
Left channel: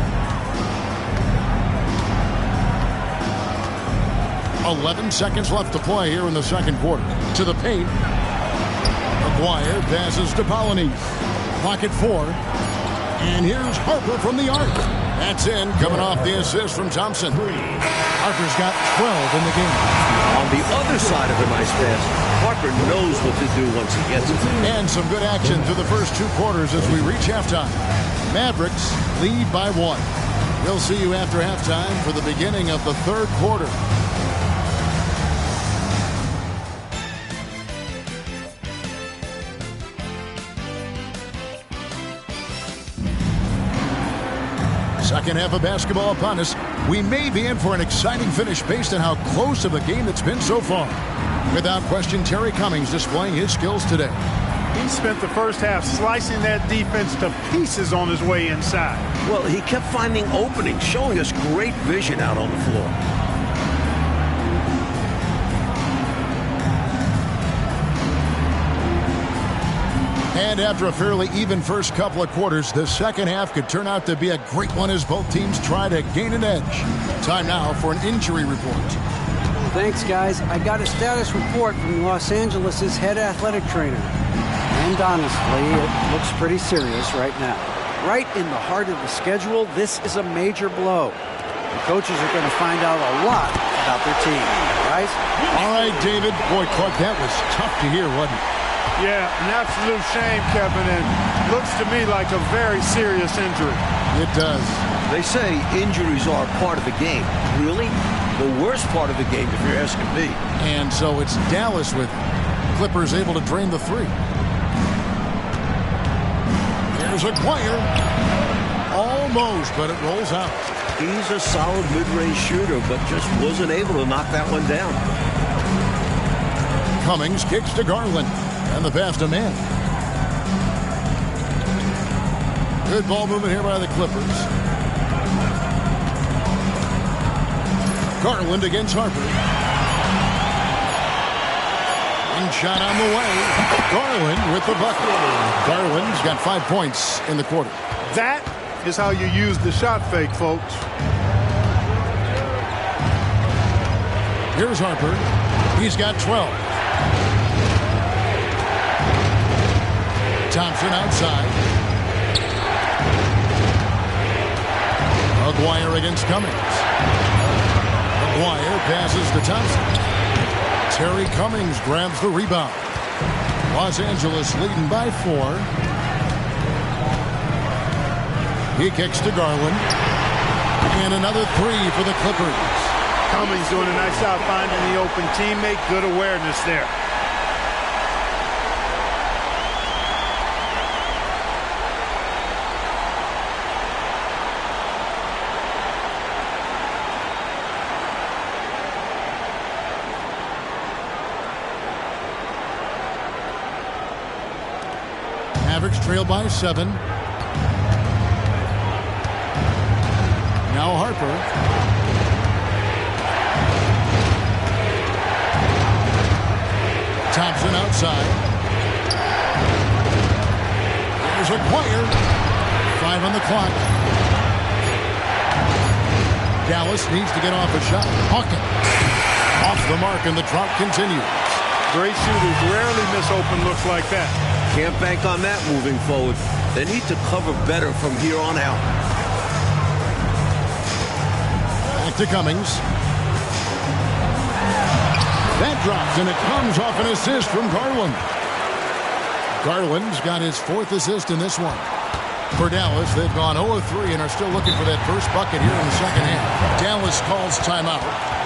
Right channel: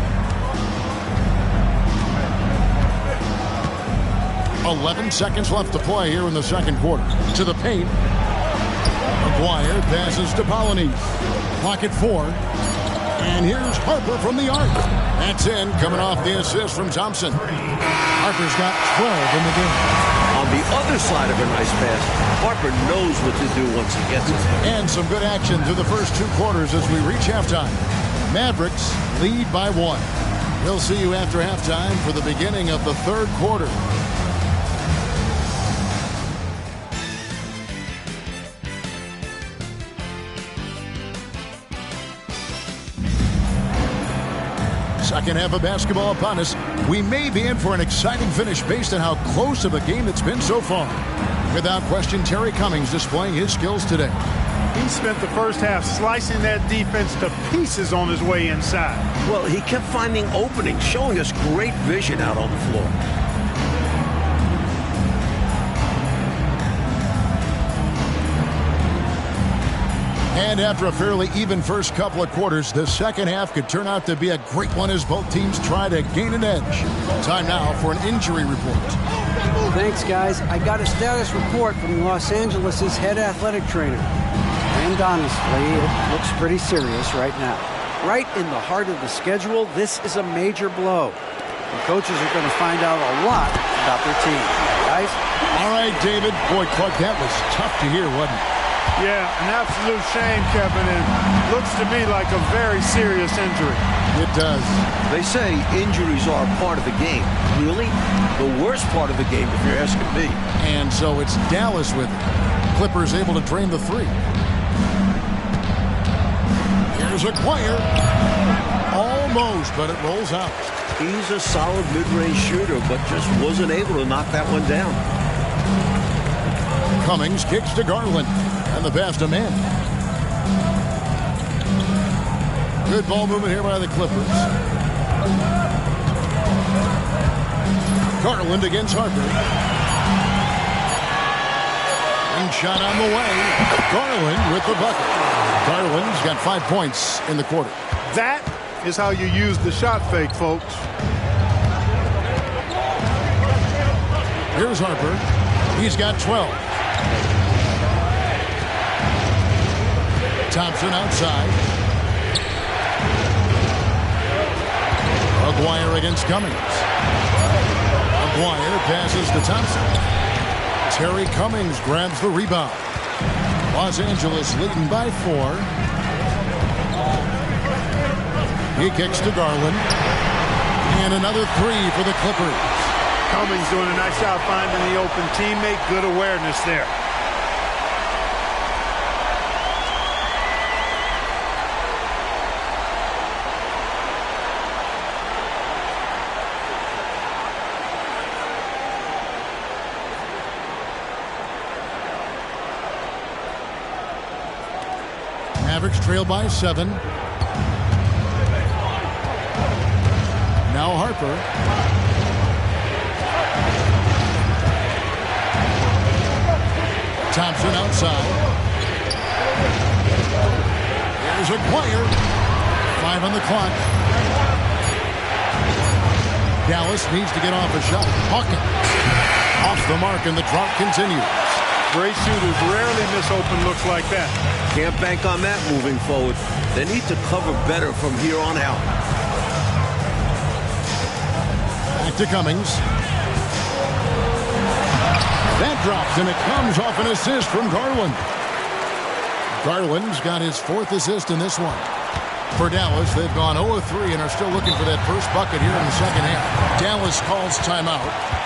11 seconds left to play here in the second quarter. To the paint. Maguire passes to Polonese. Clock at 4. And here's Harper from the arc. That's in, coming off the assist from Thompson. Harper's got 12 in the game. On the other side of a nice pass, Harper knows what to do once he gets it. And some good action through the first 2 quarters as we reach halftime. Mavericks lead by 1. We'll see you after halftime for the beginning of the third quarter. Second half of basketball upon us. We may be in for an exciting finish based on how close of a game it's been so far. Without question, Terry Cummings displaying his skills today. He spent the first half slicing that defense to pieces on his way inside. Well, he kept finding openings, showing us great vision out on the floor. And after a fairly even first couple of quarters, the second half could turn out to be a great one as both teams try to gain an edge. Time now for an injury report. Thanks, guys. I got a status report from Los Angeles' head athletic trainer. And honestly, it looks pretty serious right now. Right in the heart of the schedule, this is a major blow. The coaches are going to find out a lot about their team. Guys? All right, David. Boy, Clark, that was tough to hear, wasn't it? Yeah, an absolute shame, Kevin, and looks to me like a very serious injury. It does. They say injuries are part of the game. Really? The worst part of the game, if you're asking me. And so it's Dallas with it. Clippers able to drain the 3. Here's Aguirre. Almost, but it rolls out. He's a solid mid-range shooter, but just wasn't able to knock that one down. Cummings kicks to Garland. And the pass to Manning. Good ball movement here by the Clippers. Garland against Harper. Wing shot on the way. Garland with the bucket. Garland's got 5 points in the quarter. That is how you use the shot fake, folks. Here's Harper. He's got 12. Thompson outside. Aguirre against Cummings. Aguirre passes to Thompson. Terry Cummings grabs the rebound. Los Angeles leading by 4. He kicks to Garland. And another 3 for the Clippers. Cummings doing a nice job finding the open teammate. Good awareness there. Mavericks trail by 7. Now Harper. Thompson outside. Here's Aguirre. 5 on the clock. Dallas needs to get off a shot. Hawkins off the mark, and the drought continues. Great shooters rarely miss open looks like that. Can't bank on that moving forward. They need to cover better from here on out. Back to Cummings. That drops, and it comes off an assist from Garland. Garland's got his 4th assist in this one. For Dallas, they've gone 0 of 3 and are still looking for that first bucket here in the second half. Dallas calls timeout.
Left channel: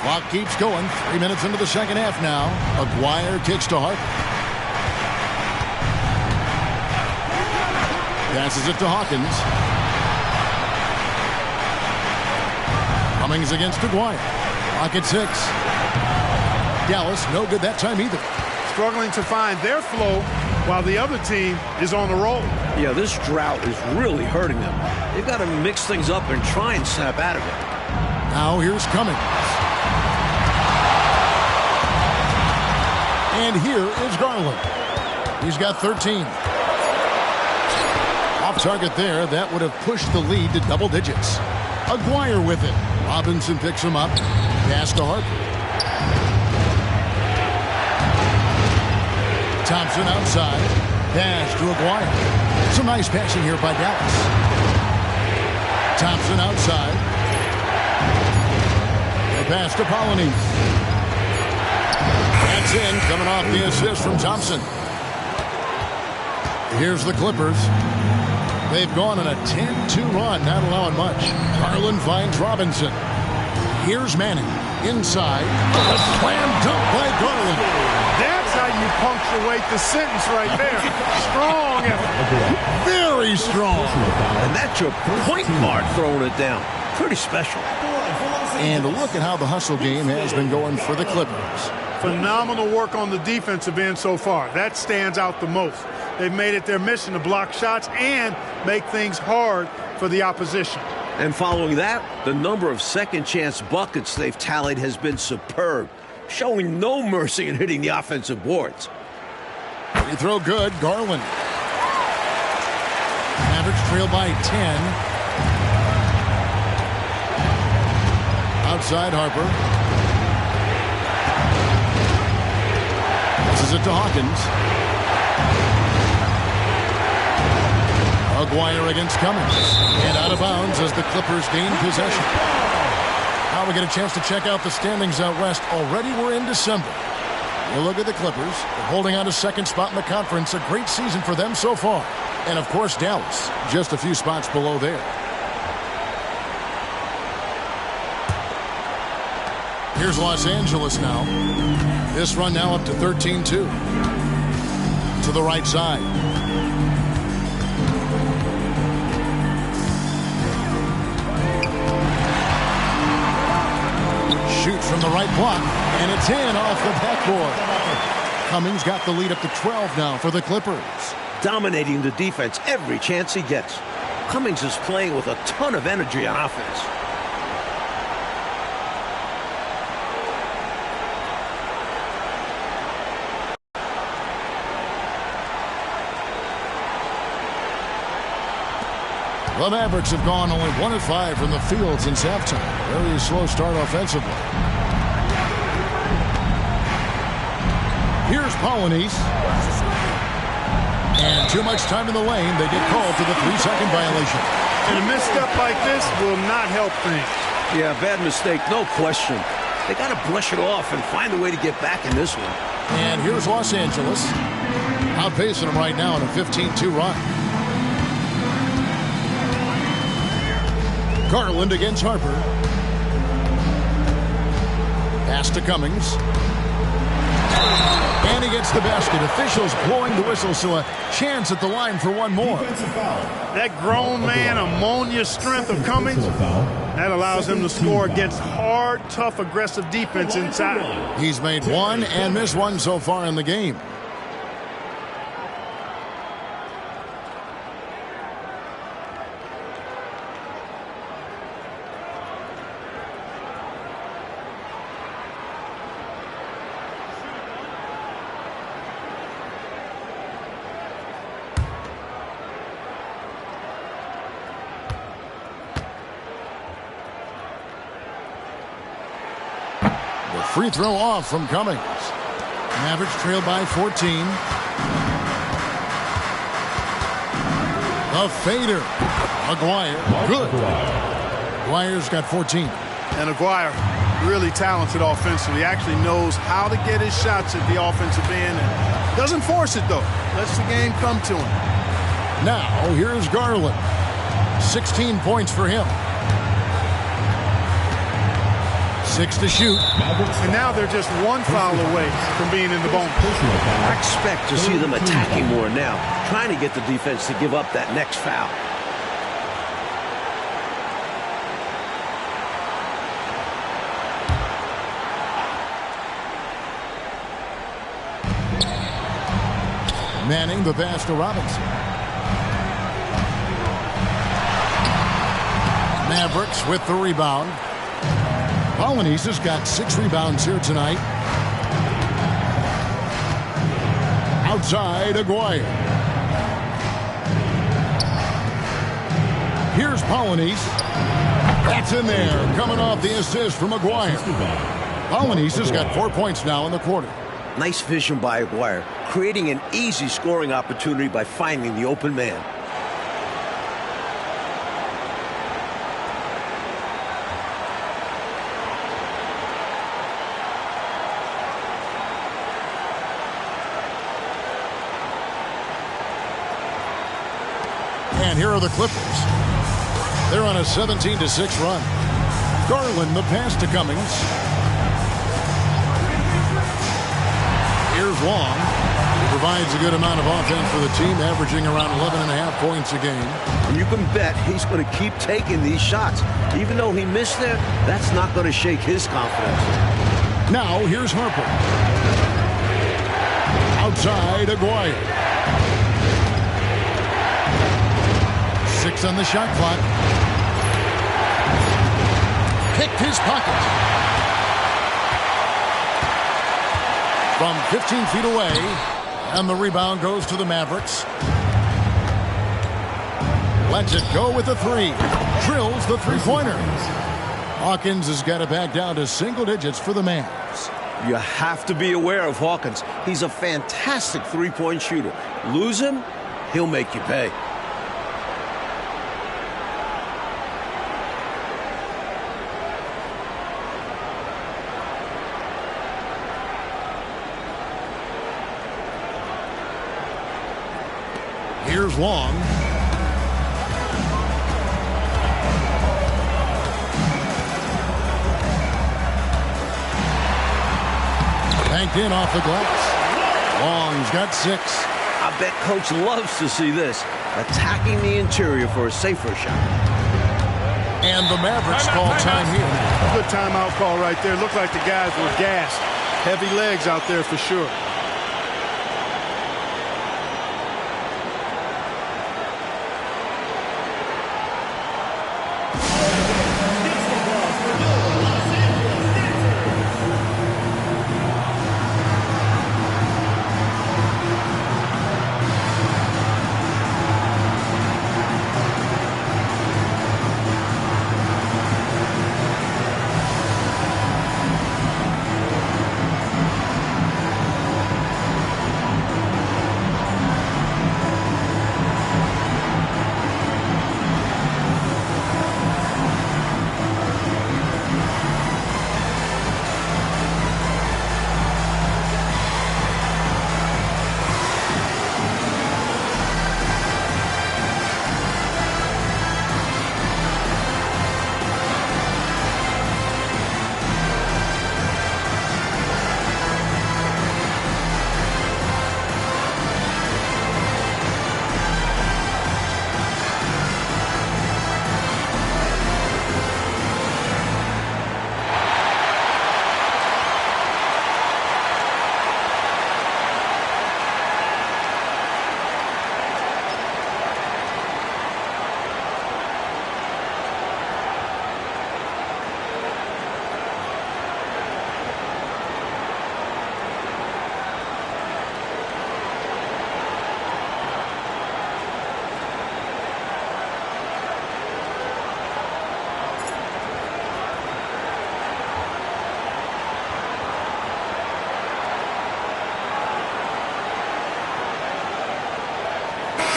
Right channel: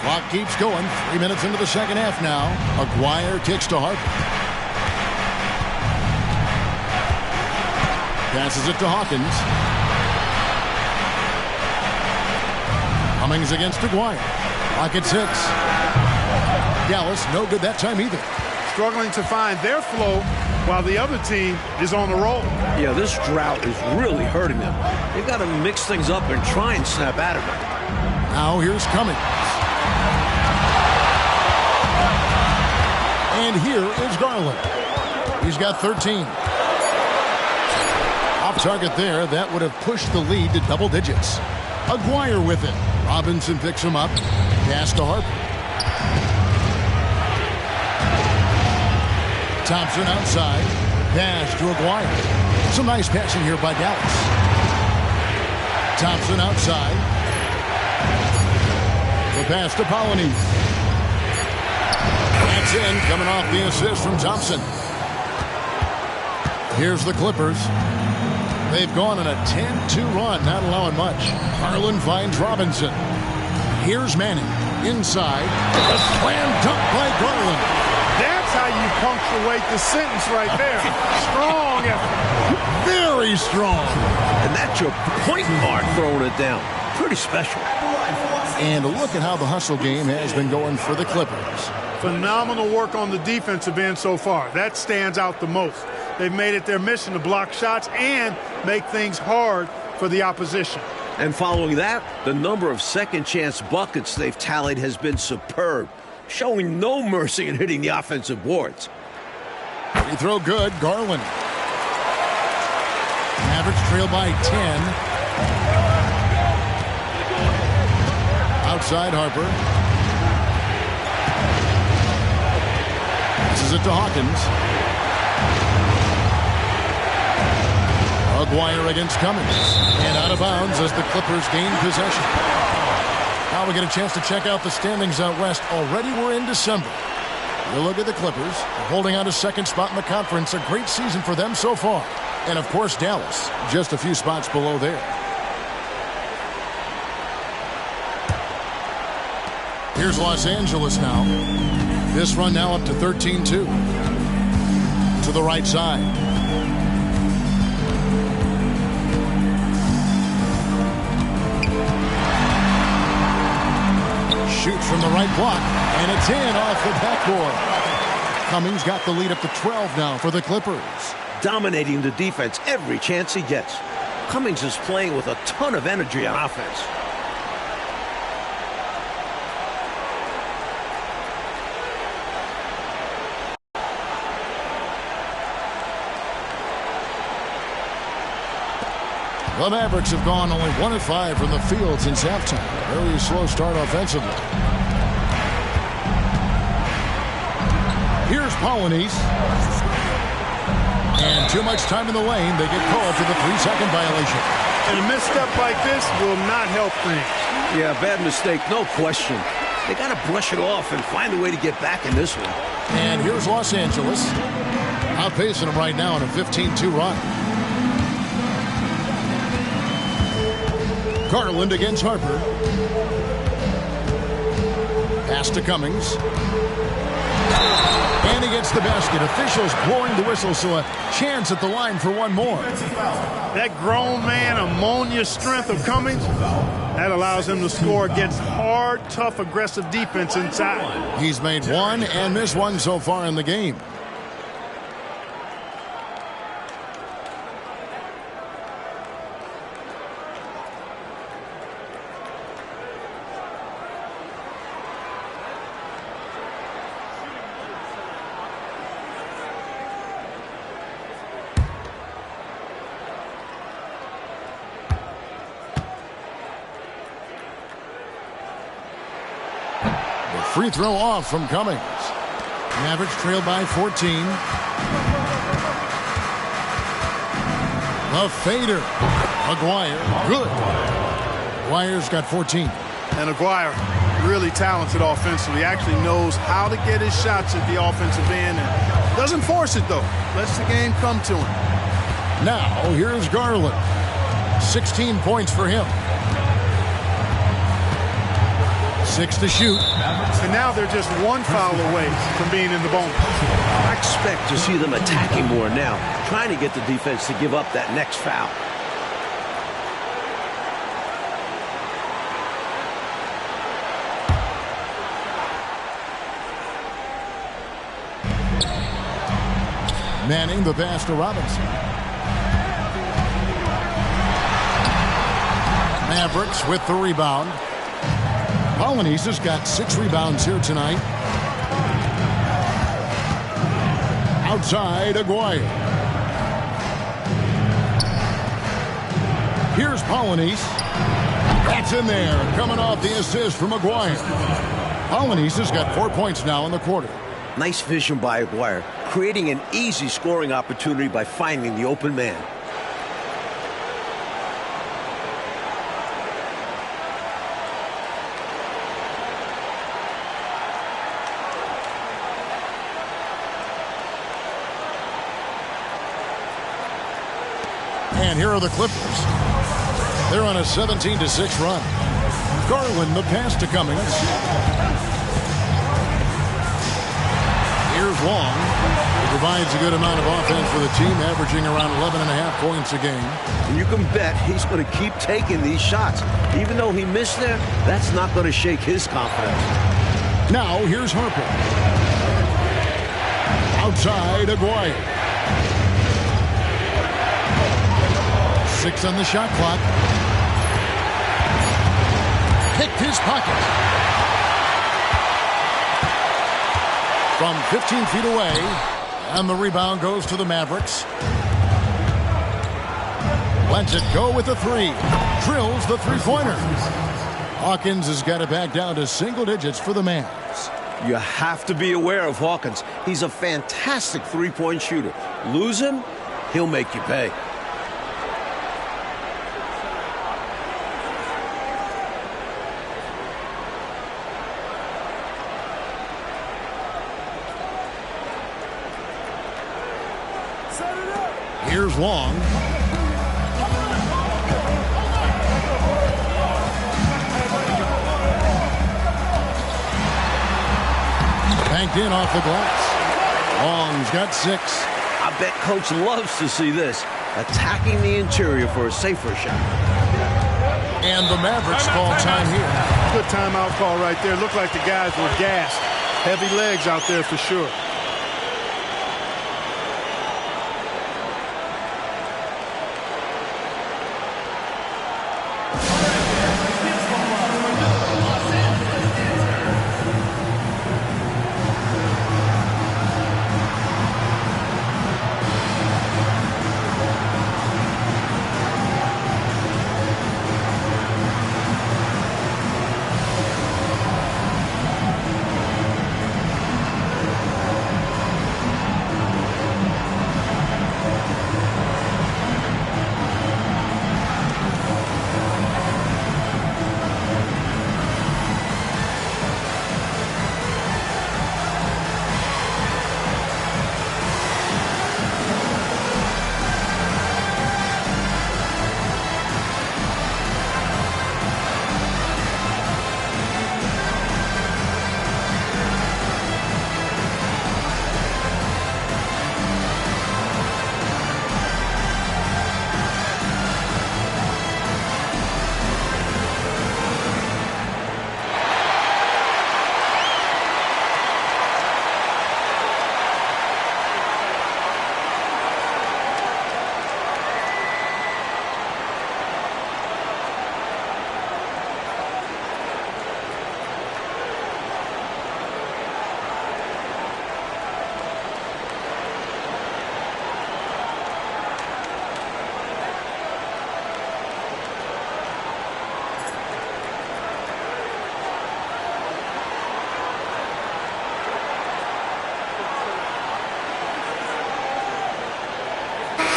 Clock keeps going. 3 minutes into the second half now. Aguirre kicks to Harper. Passes it to Hawkins. Cummings against Aguirre. Clock at 6. Dallas no good that time either. Struggling to find their flow while the other team is on the roll. Yeah, this drought is really hurting them. They've got to mix things up and try and snap out of it. Now here's Cummings. And here is Garland. He's got 13. Off target there. That would have pushed the lead to double digits. Aguirre with it. Robinson picks him up. Pass to Harper. Thompson outside. Pass to Aguirre. Some nice passing here by Dallas. Thompson outside. The pass to Polonese. That's in, coming off the assist from Thompson. Here's the Clippers. They've gone on a 10-2 run, not allowing much. Garland finds Robinson. Here's Manning. Inside. A slam dunk by Garland. That's how you punctuate the sentence right there. Strong effort. Very strong. And that's your point guard throwing it down. Pretty special. And look at how the hustle game has been going for the Clippers. Phenomenal work on the defensive end so far. That stands out the most. They've made it their mission to block shots and make things hard for the opposition. And following that, the number of second-chance buckets they've tallied has been superb, showing no mercy in hitting the offensive boards. Free throw good, Garland. Mavericks trail by 10. Outside Harper. Passes it to Hawkins. Aguirre against Cummings. And out of bounds as the Clippers gain possession. Now we get a chance to check out the standings out west. Already we're in December. You look at the Clippers. They're holding on to second spot in the conference. A great season for them so far. And, of course, Dallas, just a few spots below there. Here's Los Angeles now. This run now up to 13-2. To the right side. Shoots from the right block, and it's in off the backboard. Cummings got the lead up to 12 now for the Clippers. Dominating the defense every chance he gets. Cummings is playing with a ton of energy on offense. The Mavericks have gone only 1 of 5 from the field since halftime. Very slow start offensively. Here's Polynice. And too much time in the lane. They get called for the 3-second violation. And a misstep like this will not help things. Yeah, bad mistake, no question. They got to brush it off and find a way to get back in this one. And here's Los Angeles. Outpacing them right now in a 15-2 run. Garland against Harper. Pass to Cummings. And he gets the basket. Officials blowing the whistle, so a chance at the line for one more. That grown man ammonia strength of Cummings, that allows him to score against hard, tough, aggressive defense inside. He's made one and missed one so far in the game. Free throw off from Cummings. Mavericks trail by 14. The fader. Aguirre. Good. Aguirre's got 14. And Aguirre, really talented offensively. Actually knows how to get his shots at the offensive end and doesn't force it, though. Lets the game come to him. Now, here's Garland. 16 points for him. 6 to shoot. And now they're just one foul away from being in the bonus. I expect to see them attacking more now, trying to get the defense to give up that next foul. Manning the pass to Robinson. Mavericks with the rebound. Polynice has got 6 rebounds here tonight. Outside, Aguirre. Here's Polynice. That's in there, coming off the assist from Aguirre. Polynice has got 4 points now in the quarter. Nice vision by Aguirre, creating an easy scoring opportunity by finding the open man. And here are the Clippers. They're on a 17-6 run. Garland the pass to Cummings. Here's Long, who provides a good amount of offense for the team, averaging around 11.5 points a game. And you can bet he's going to keep taking these shots. Even though he missed there, that's not going to shake his confidence. Now here's Harper. Outside, Aguirre. 6 on the shot clock. Picked his pocket. From 15 feet away. And the rebound goes to the Mavericks. Lets it go with the 3. Drills the 3-pointer. Hawkins has got it back down to single digits for the Mavs. You have to be aware of Hawkins. He's a fantastic three-point shooter. Lose him, he'll make you pay. Here's Long. Banked in off the glass. Long's got 6. I bet Coach loves to see this. Attacking the interior for a safer shot. And the Mavericks call time here. Good timeout call right there. Looked like the guys were gassed. Heavy legs out there for sure.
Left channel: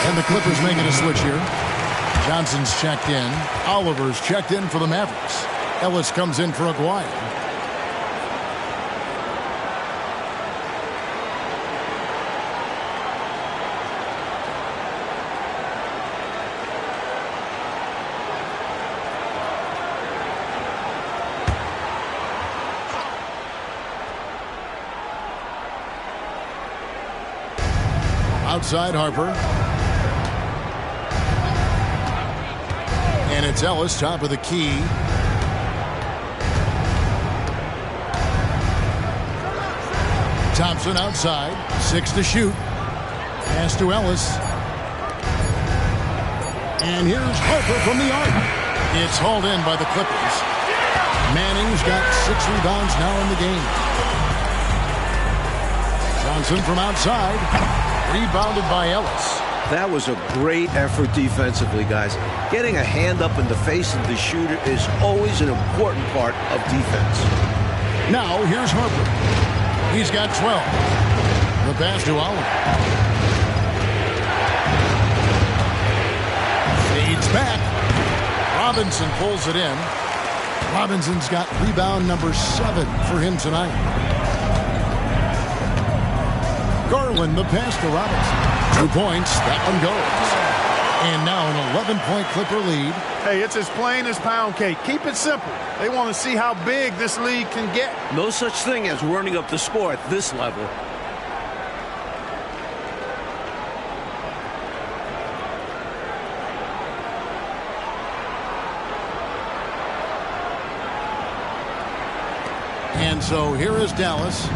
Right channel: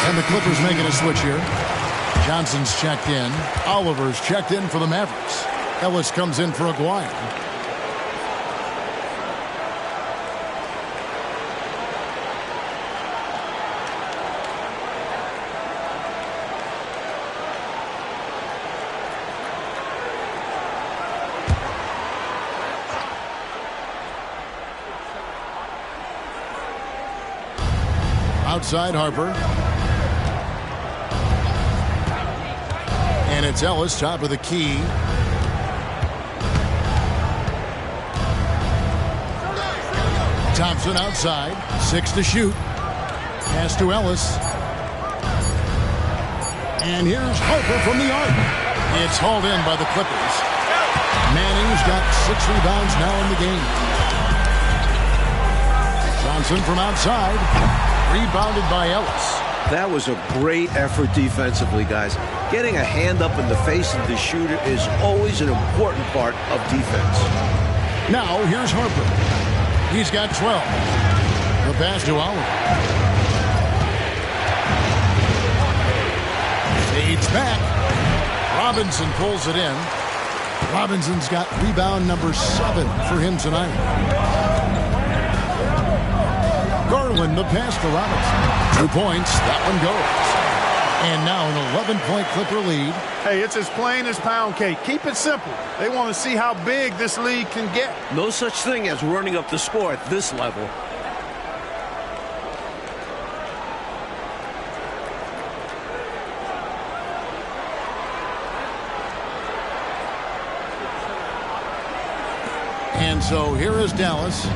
And the Clippers making a switch here. Johnson's checked in. Oliver's checked in for the Mavericks. Ellis comes in for Aguirre. Outside Harper. And it's Ellis, top of the key. Thompson outside. 6 to shoot. Pass to Ellis. And here's Harper from the arc. It's hauled in by the Clippers. Manning's got 6 rebounds now in the game. Johnson from outside. Rebounded by Ellis. That was a great effort defensively, guys. Getting a hand up in the face of the shooter is always an important part of defense. Now, here's Harper. He's got 12. The pass to Oliver. Fades back. Robinson pulls it in. Robinson's got rebound number 7 for him tonight. Garland, the pass to Robinson. 2 points. That one goes. And now an 11-point Clipper lead. Hey, it's as plain as pound cake. Keep it simple. They want to see how big this lead can get. No such thing as running up the score at this level. And so here is Dallas.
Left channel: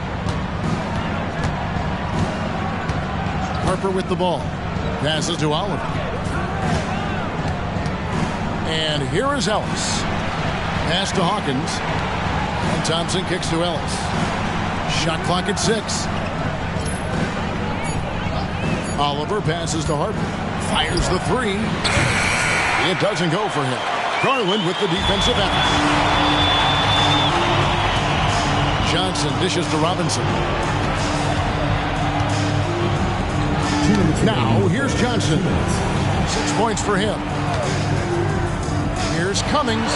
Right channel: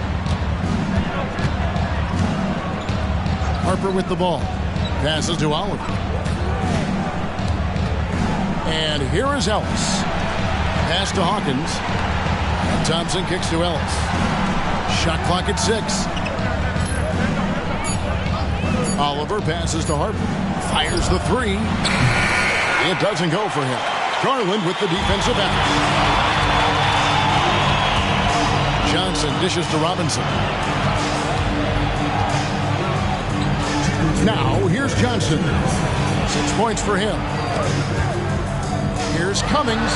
Harper with the ball. Passes to Oliver. And here is Ellis. Pass to Hawkins. And Thompson kicks to Ellis. Shot clock at 6. Oliver passes to Harper. Fires the 3. It doesn't go for him. Garland with the defensive effort. Johnson dishes to Robinson. Now, here's Johnson. 6 points for him. Here's Cummings.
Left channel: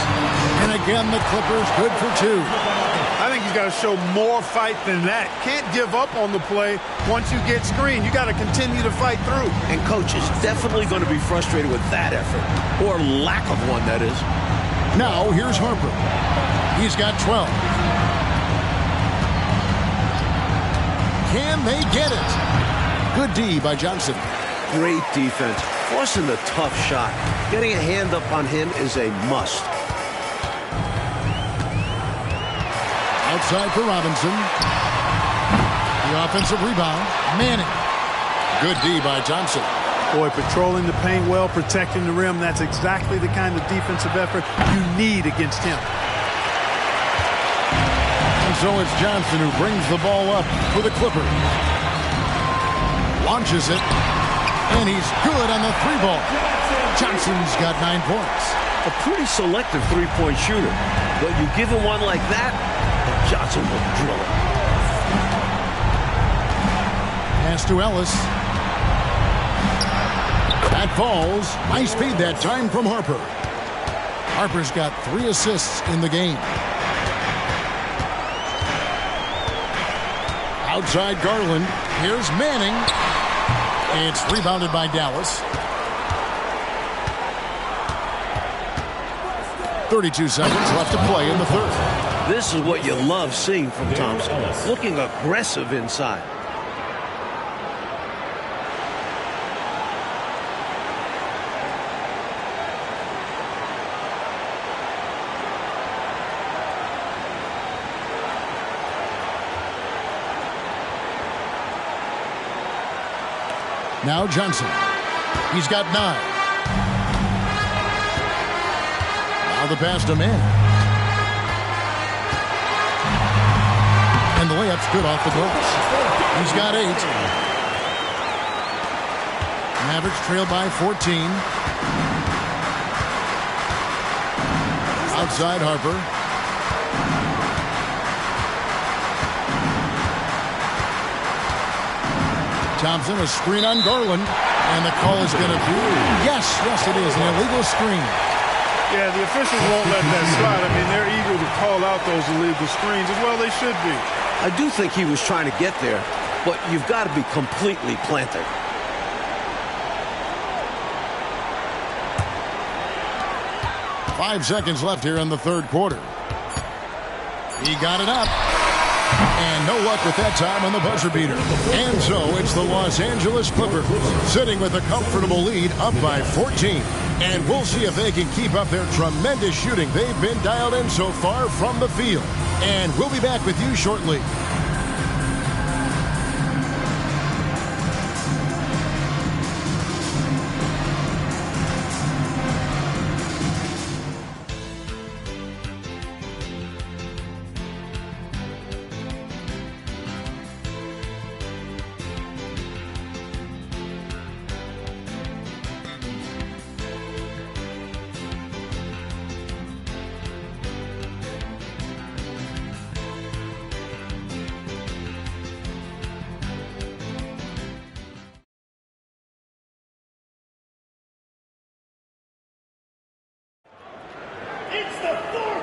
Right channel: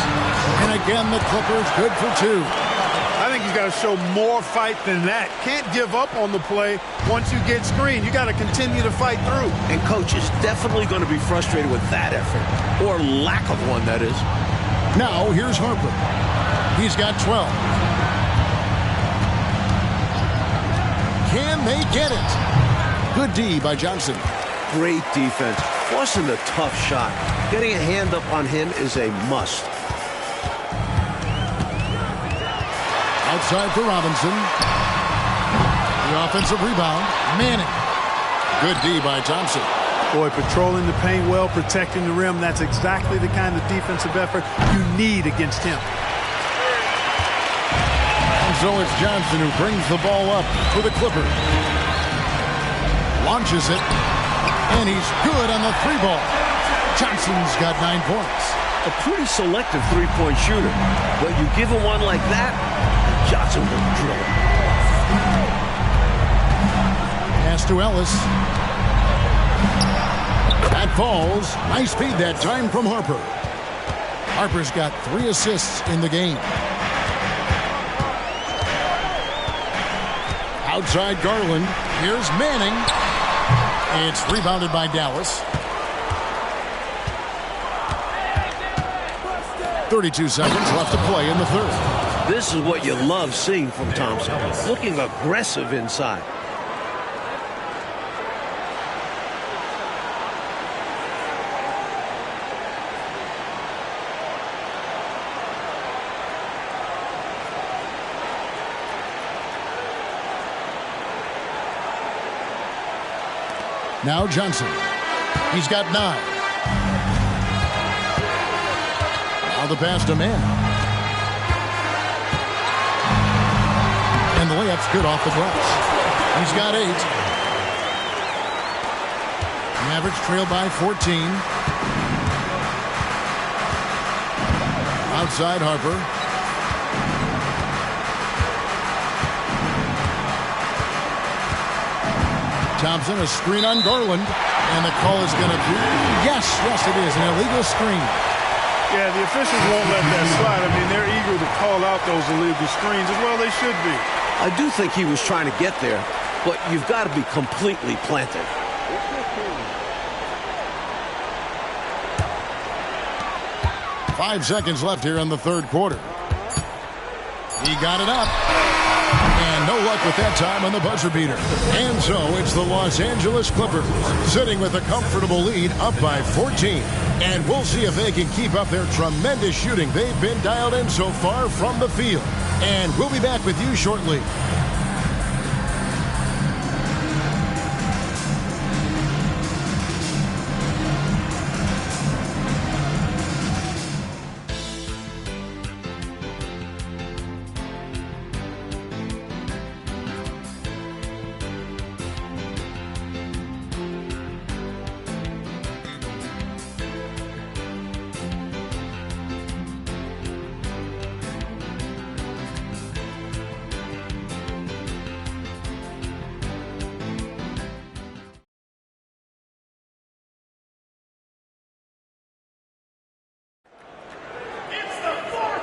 And again, the Clippers good for 2. I think he's got to show more fight than that. Can't give up on the play once you get screened. You got to continue to fight through. And coach is definitely going to be frustrated with that effort, or lack of one, that is. Now, here's Harper. He's got 12. Can they get it? Good D by Johnson. Great defense, forcing the tough shot. Getting a hand up on him is a must. Outside for Robinson. The offensive rebound. Manning. Good D by Thompson. Boy, patrolling the paint well, protecting the rim. That's exactly the kind of defensive effort you need against him. And so it's Johnson who brings the ball up for the Clippers. Launches it. And he's good on the 3-ball. Johnson's got 9 points. A pretty selective three-point shooter. But you give him one like that, and Johnson will drill it. Pass to Ellis. That falls. Nice feed that time from Harper. Harper's got 3 assists in the game. Outside Garland. Here's Manning. It's rebounded by Dallas. 32 seconds left to play in the third. This is what you love seeing from Thompson. Looking aggressive inside. Now Johnson. He's got 9. Now the pass to Manning. And the layup's good off the glass. He's got 8. Mavericks trail by 14. Outside Harper. Thompson, a screen on Garland. And the call is going to be, yes, it is, an illegal screen. Yeah, the officials won't let that slide. I mean, they're eager to call out those illegal screens as well. They should be. I do think he was trying to get there, but you've got to be completely planted. Five seconds left here in the third quarter. He got it up. And no luck with that time on the buzzer beater. And so it's the Los Angeles Clippers sitting with a comfortable lead up by 14. And we'll see if they can keep up their tremendous shooting they've been dialed in so far from the field. And we'll be back with you shortly.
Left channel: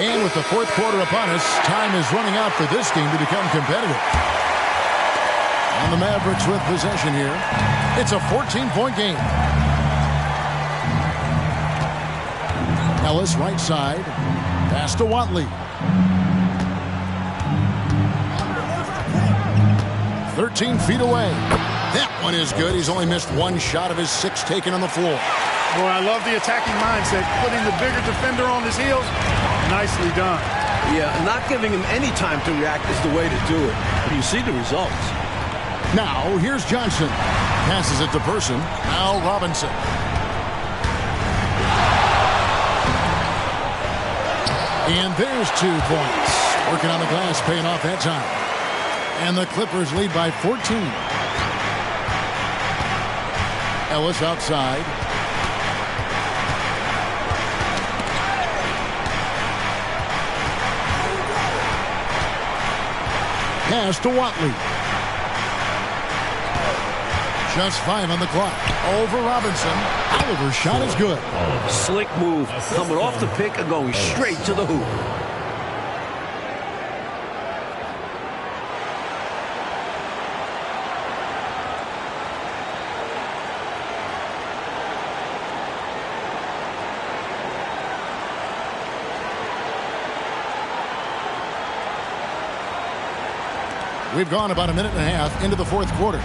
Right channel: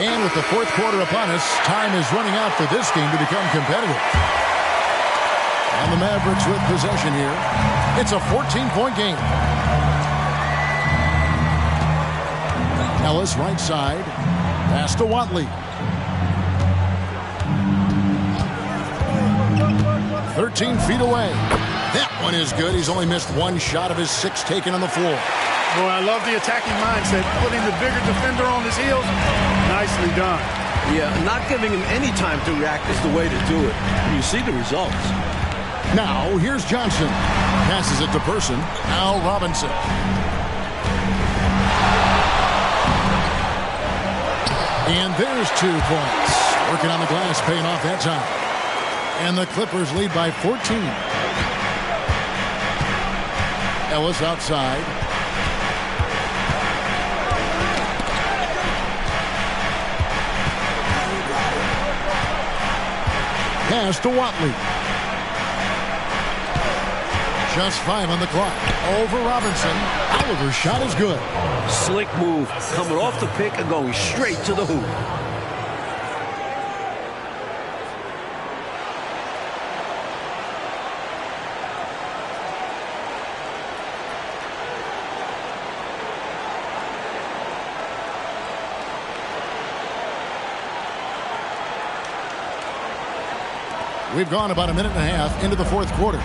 And with the fourth quarter upon us, time is running out for this game to become competitive. And the Mavericks with possession here. It's a 14-point game. Ellis right side. Pass to Watley. 13 feet away. That one is good. He's only missed one shot of his 6 taken on the floor. Boy, I love the attacking mindset. Putting the bigger defender on his heels. Nicely done. Yeah, not giving him any time to react is the way to do it. And you see the results. Now, here's Johnson. Passes it to Person. Now Robinson. And there's 2 points. Working on the glass, paying off that time. And the Clippers lead by 14. Ellis outside. Pass to Watley. Just 5 on the clock. Over Robinson. Oliver's shot is good. Slick move. Coming off the pick and going straight to the hoop. We've gone about a minute and a half into the fourth quarter.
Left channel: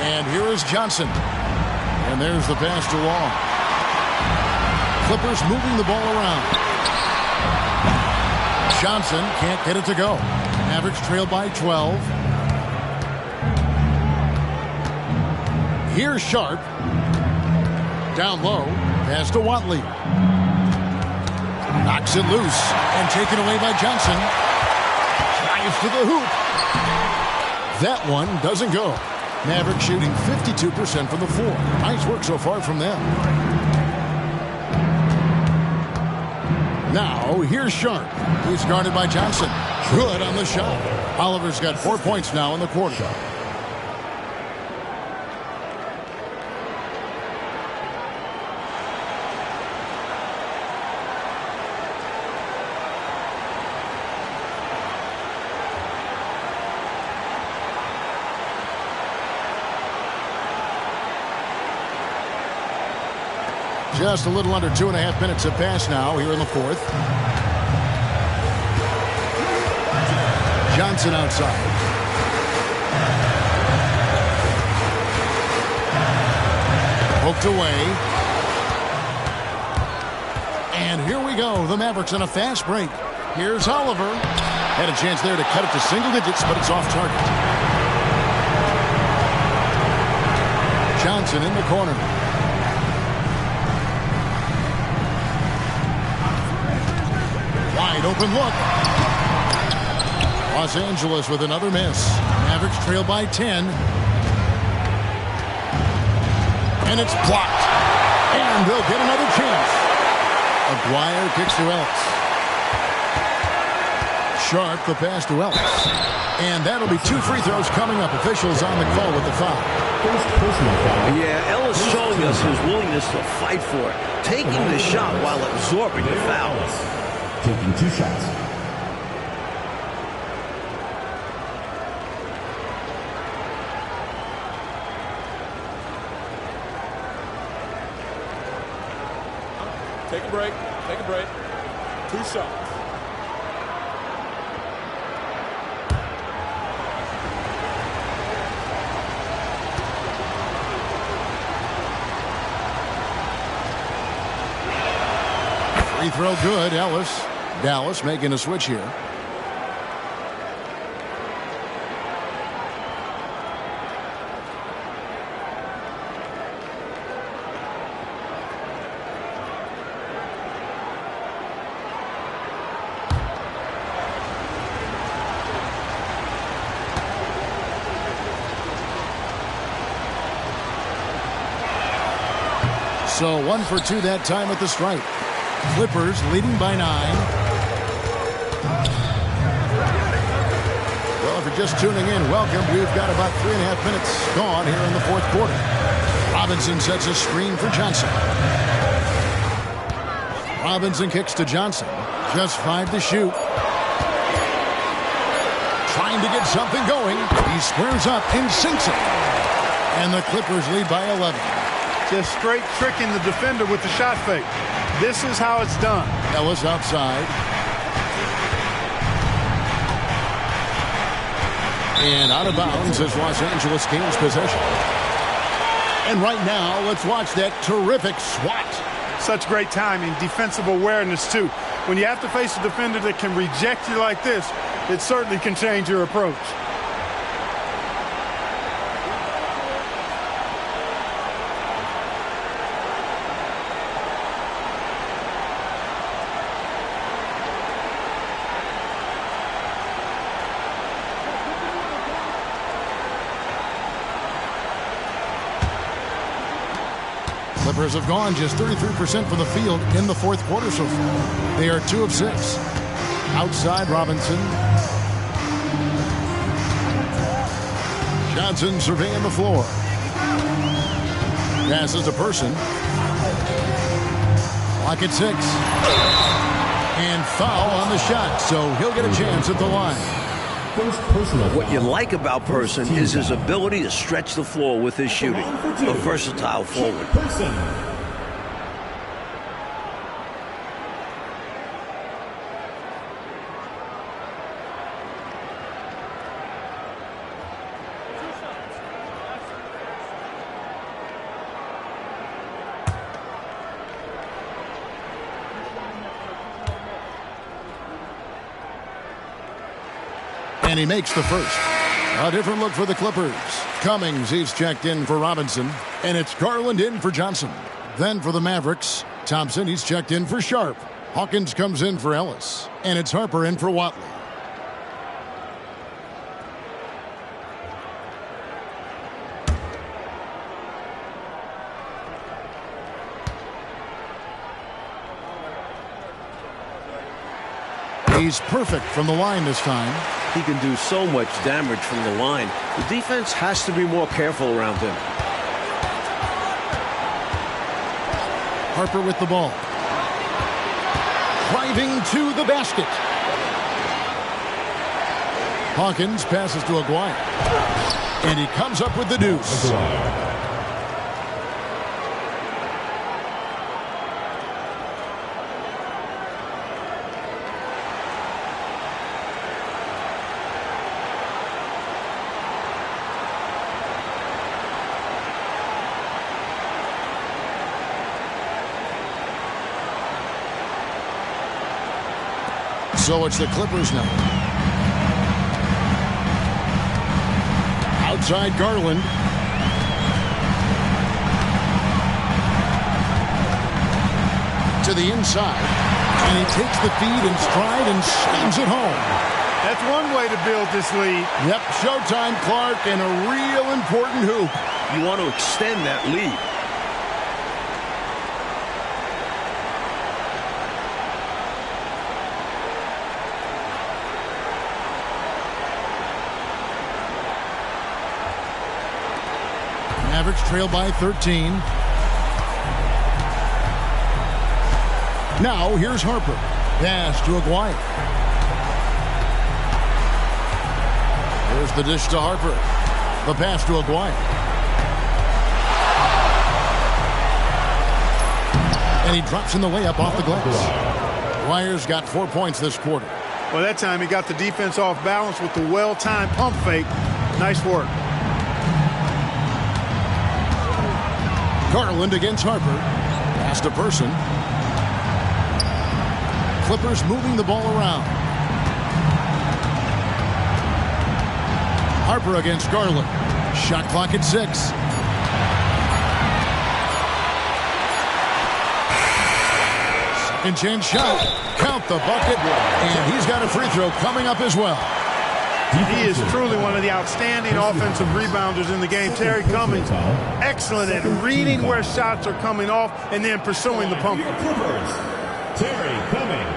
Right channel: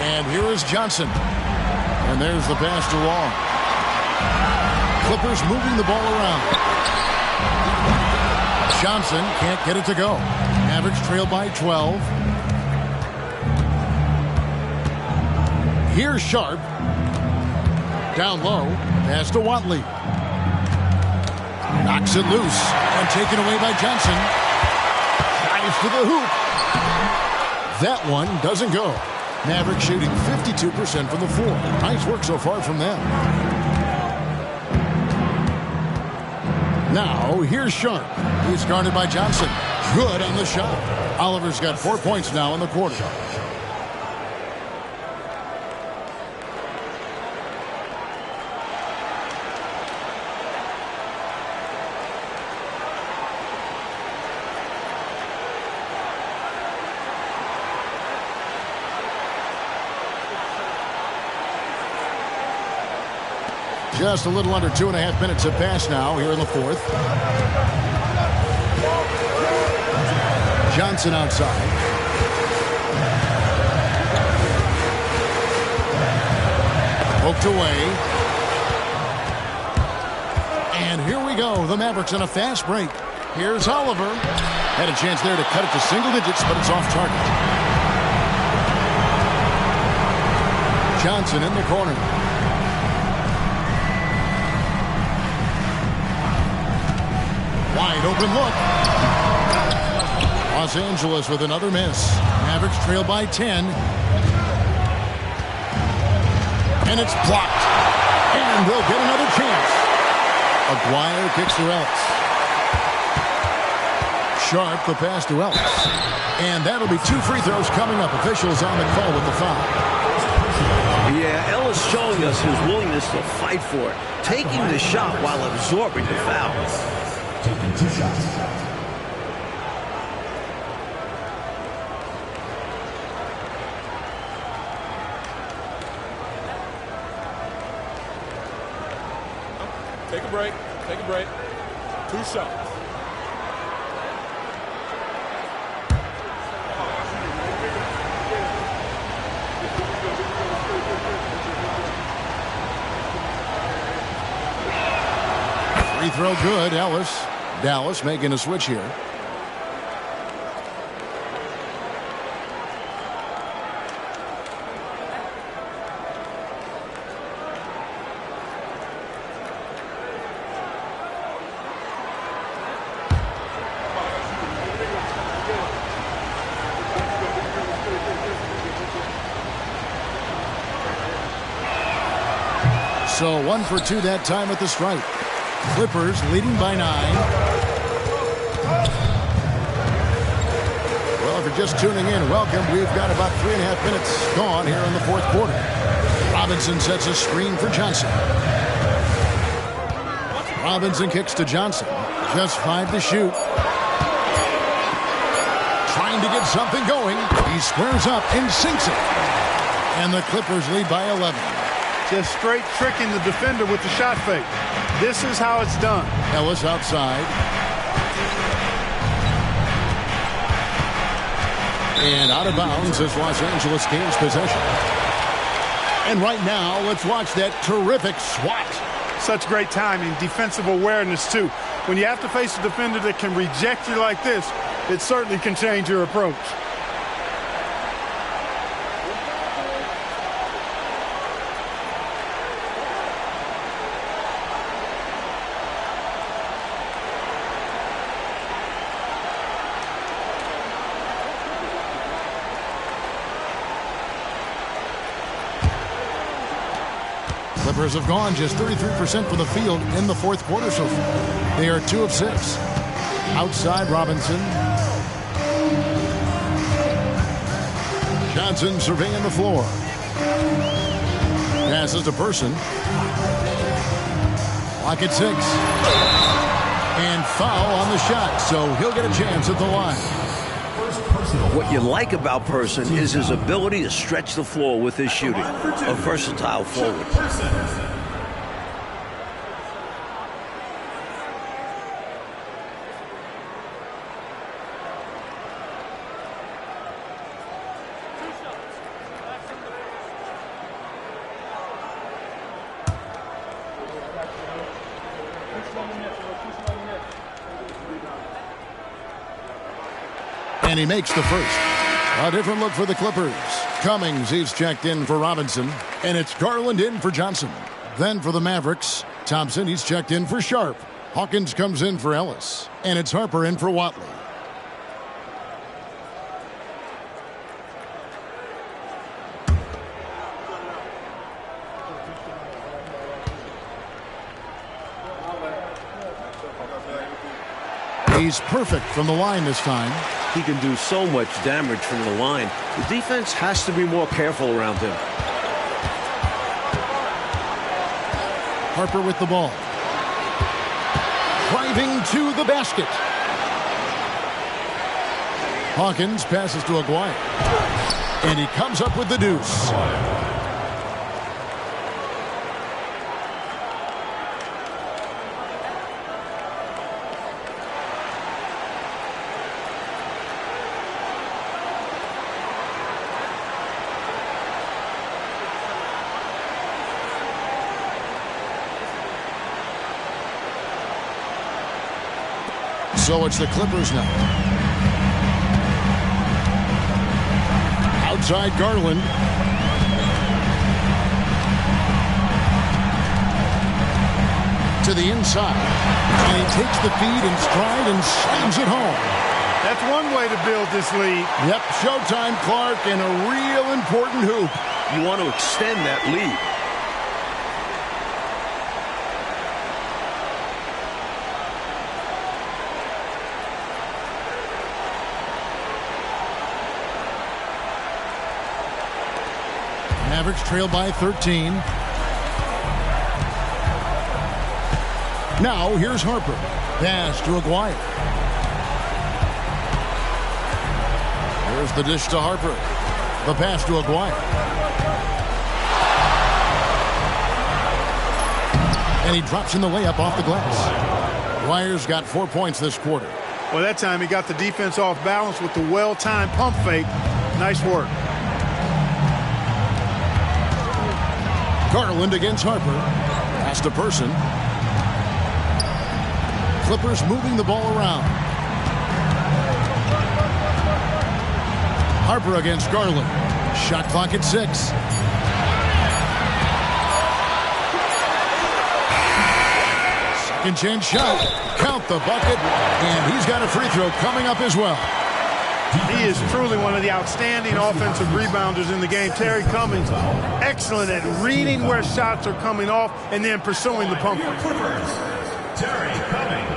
And here is Johnson. And there's the pass to Long. Clippers moving the ball around. Johnson can't get it to go. Mavericks trail by 12. Here's Sharp. Down low. Pass to Watley. Knocks it loose and taken away by Johnson. Drives to the hoop. That one doesn't go. Mavericks shooting 52% from the floor. Nice work so far from them. Now here's Sharp. He's guarded by Johnson. Good on the shot. Oliver's got 4 points now in the quarter. Just a little under 2.5 minutes have passed now here in the fourth. Johnson outside. Poked away. And here we go. The Mavericks on a fast break. Here's Oliver. Had a chance there to cut it to single digits, but it's off target. Johnson in the corner. Wide open look. Los Angeles with another miss. Mavericks trail by 10. And it's blocked. And they'll get another chance. Aguirre kicks to Ellis. Sharp the pass to Ellis. And that'll be 2 free throws coming up. Officials on the call with the foul. Yeah, Ellis showing us his willingness to fight for it. Taking the shot while absorbing the foul. Taking 2 shots. Take a break. Take a break. 2 shots. Free throw good. Ellis. Dallas making a switch here. So 1 for 2 that time at the stripe. Clippers leading by 9. Well, if you're just tuning in, welcome. We've got about 3.5 minutes gone here in the fourth quarter. Robinson sets a screen for Johnson. Robinson kicks to Johnson. Just 5 to shoot. Trying to get something going. He squares up and sinks it. And the Clippers lead by 11. Just straight tricking the defender with the shot fake. This is how it's done. Ellis outside. And out of bounds as Los Angeles gains possession. And right now, let's watch that terrific swat. Such great timing, defensive awareness, too. When you have to face a defender that can reject you like this, it certainly can change your approach. Clippers have gone just 33% from the field in the fourth quarter so far. They are 2 of 6. Outside Robinson. Johnson surveying the floor. Passes to Person. Clock at 6. And foul on the shot, so he'll get a chance at the line. What you like about Person is his ability to stretch the floor with his shooting. A versatile forward. And he makes the first. A different look for the Clippers. Cummings, he's checked in for Robinson. And it's Garland in for Johnson. Then for the Mavericks, Thompson, he's checked in for Sharp. Hawkins comes in for Ellis. And it's Harper in for Watley. He's perfect from the line this time. He can do so much damage from the line. The defense has to be more careful around him. Harper with the ball. Driving to the basket. Hawkins passes to Aguirre. And he comes up with the deuce. So it's the Clippers now. Outside Garland. To the inside. And he takes the feed in stride and slams it home. That's one way to build this lead. Yep, showtime, Clark, and a real important hoop. You want to extend that lead. Mavericks trail by 13. Now here's Harper. Pass to Aguirre. There's the dish to Harper. The pass to Aguirre. And he drops in the layup off the glass. Aguirre's got 4 points this quarter. Well, that time he got the defense off balance with the well-timed pump fake. Nice work. Garland against Harper. Pass to Person. Clippers moving the ball around. Harper against Garland. Shot clock at 6. Second chance shot. Count the bucket. And he's got a free throw coming up as well. He is truly one of the outstanding offensive rebounders in the game. Terry Cummings, excellent at reading where shots are coming off and then pursuing the pump. Terry Cummings.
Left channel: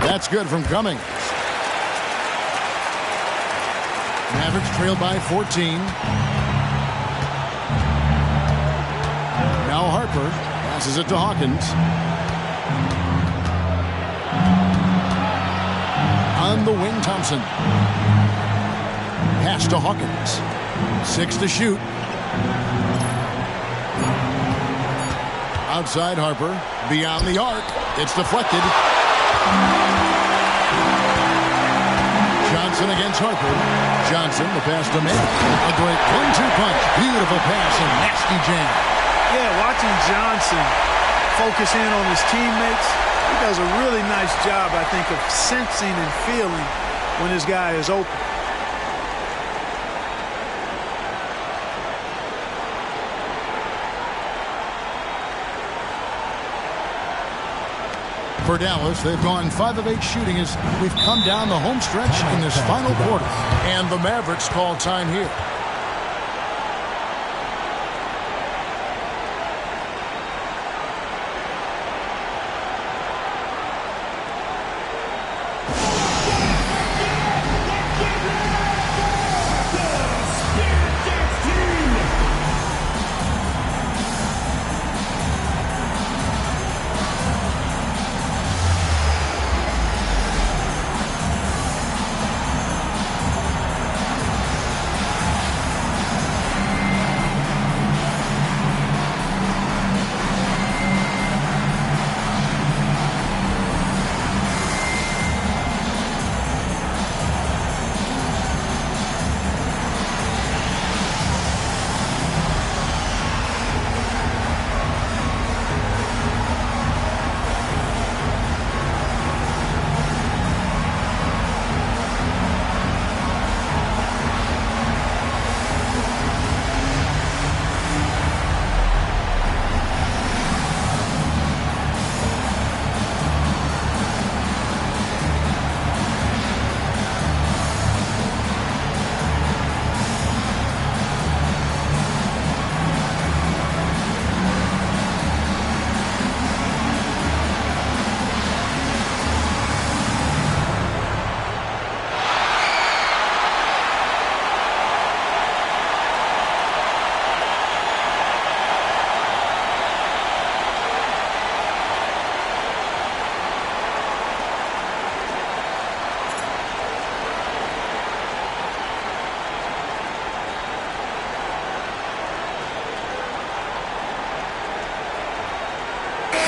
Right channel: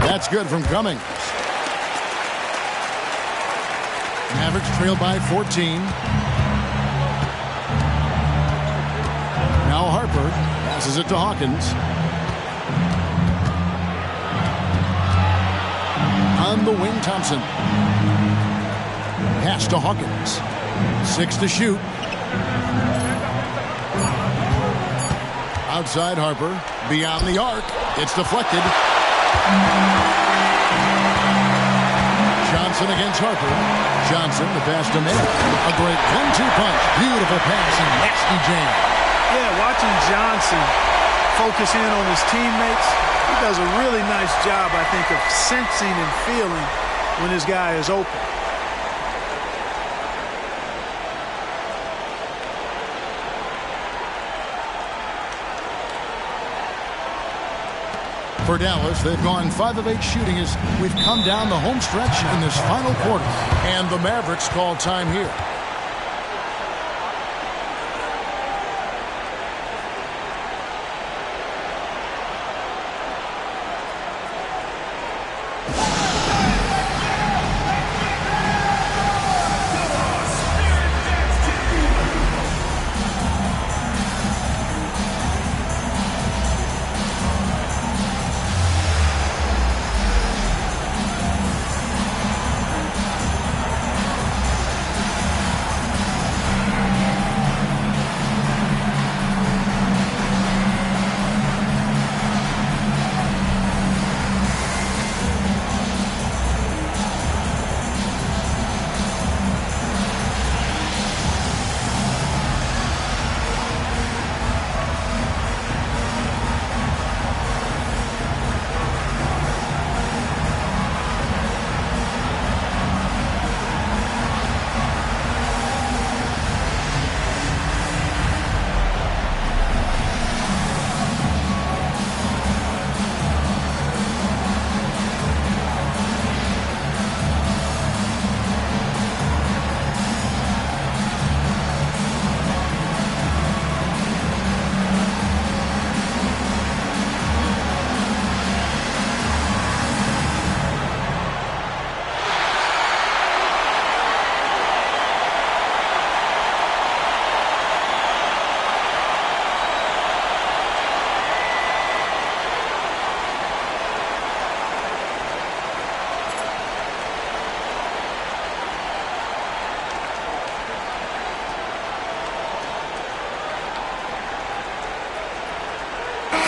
That's good from Cummings. Mavericks trail by 14. Now Harper passes it to Hawkins. On the wing, Thompson. Pass to Hawkins. 6 to shoot. Outside Harper. Beyond the arc. It's deflected. Johnson against Harper. Johnson, the pass to May. A great 1-2 punch. Beautiful pass and nasty jam. Yeah, watching Johnson focus in on his teammates, he does a really nice job, I think, of sensing and feeling when his guy is open. For Dallas, they've gone 5 of 8 shooting as we've come down the home stretch in this final quarter. And the Mavericks call time here.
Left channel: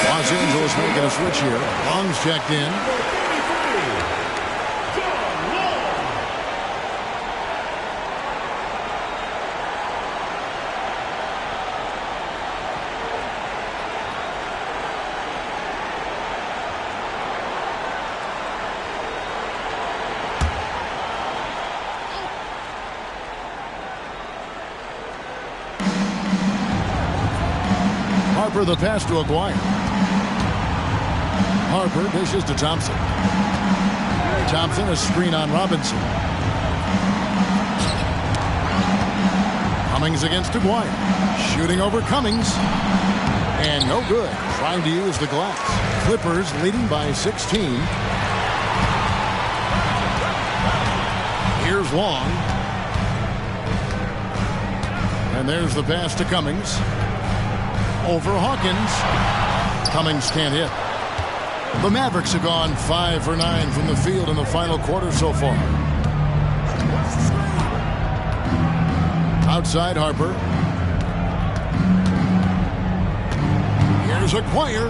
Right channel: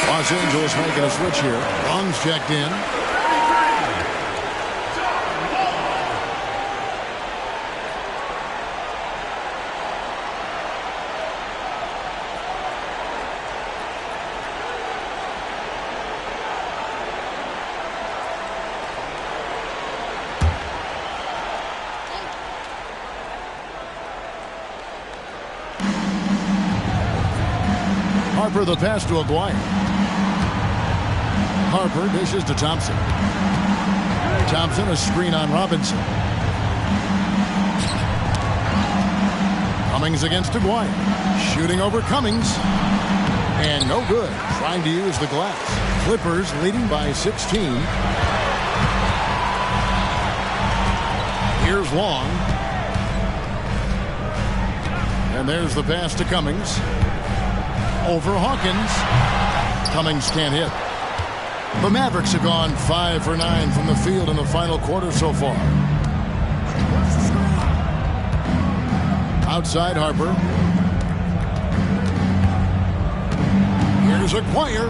Los Angeles making a switch here. Long's checked in. Harper the pass to Aguirre. Harper dishes to Thompson. Thompson a screen on Robinson. Cummings against Aguirre. Shooting over Cummings. And no good. Trying to use the glass. Clippers leading by 16. Here's Long. And there's the pass to Cummings. Over Hawkins. Cummings can't hit. The Mavericks have gone 5 for 9 from the field in the final quarter so far. Outside Harper. Here's Aguirre.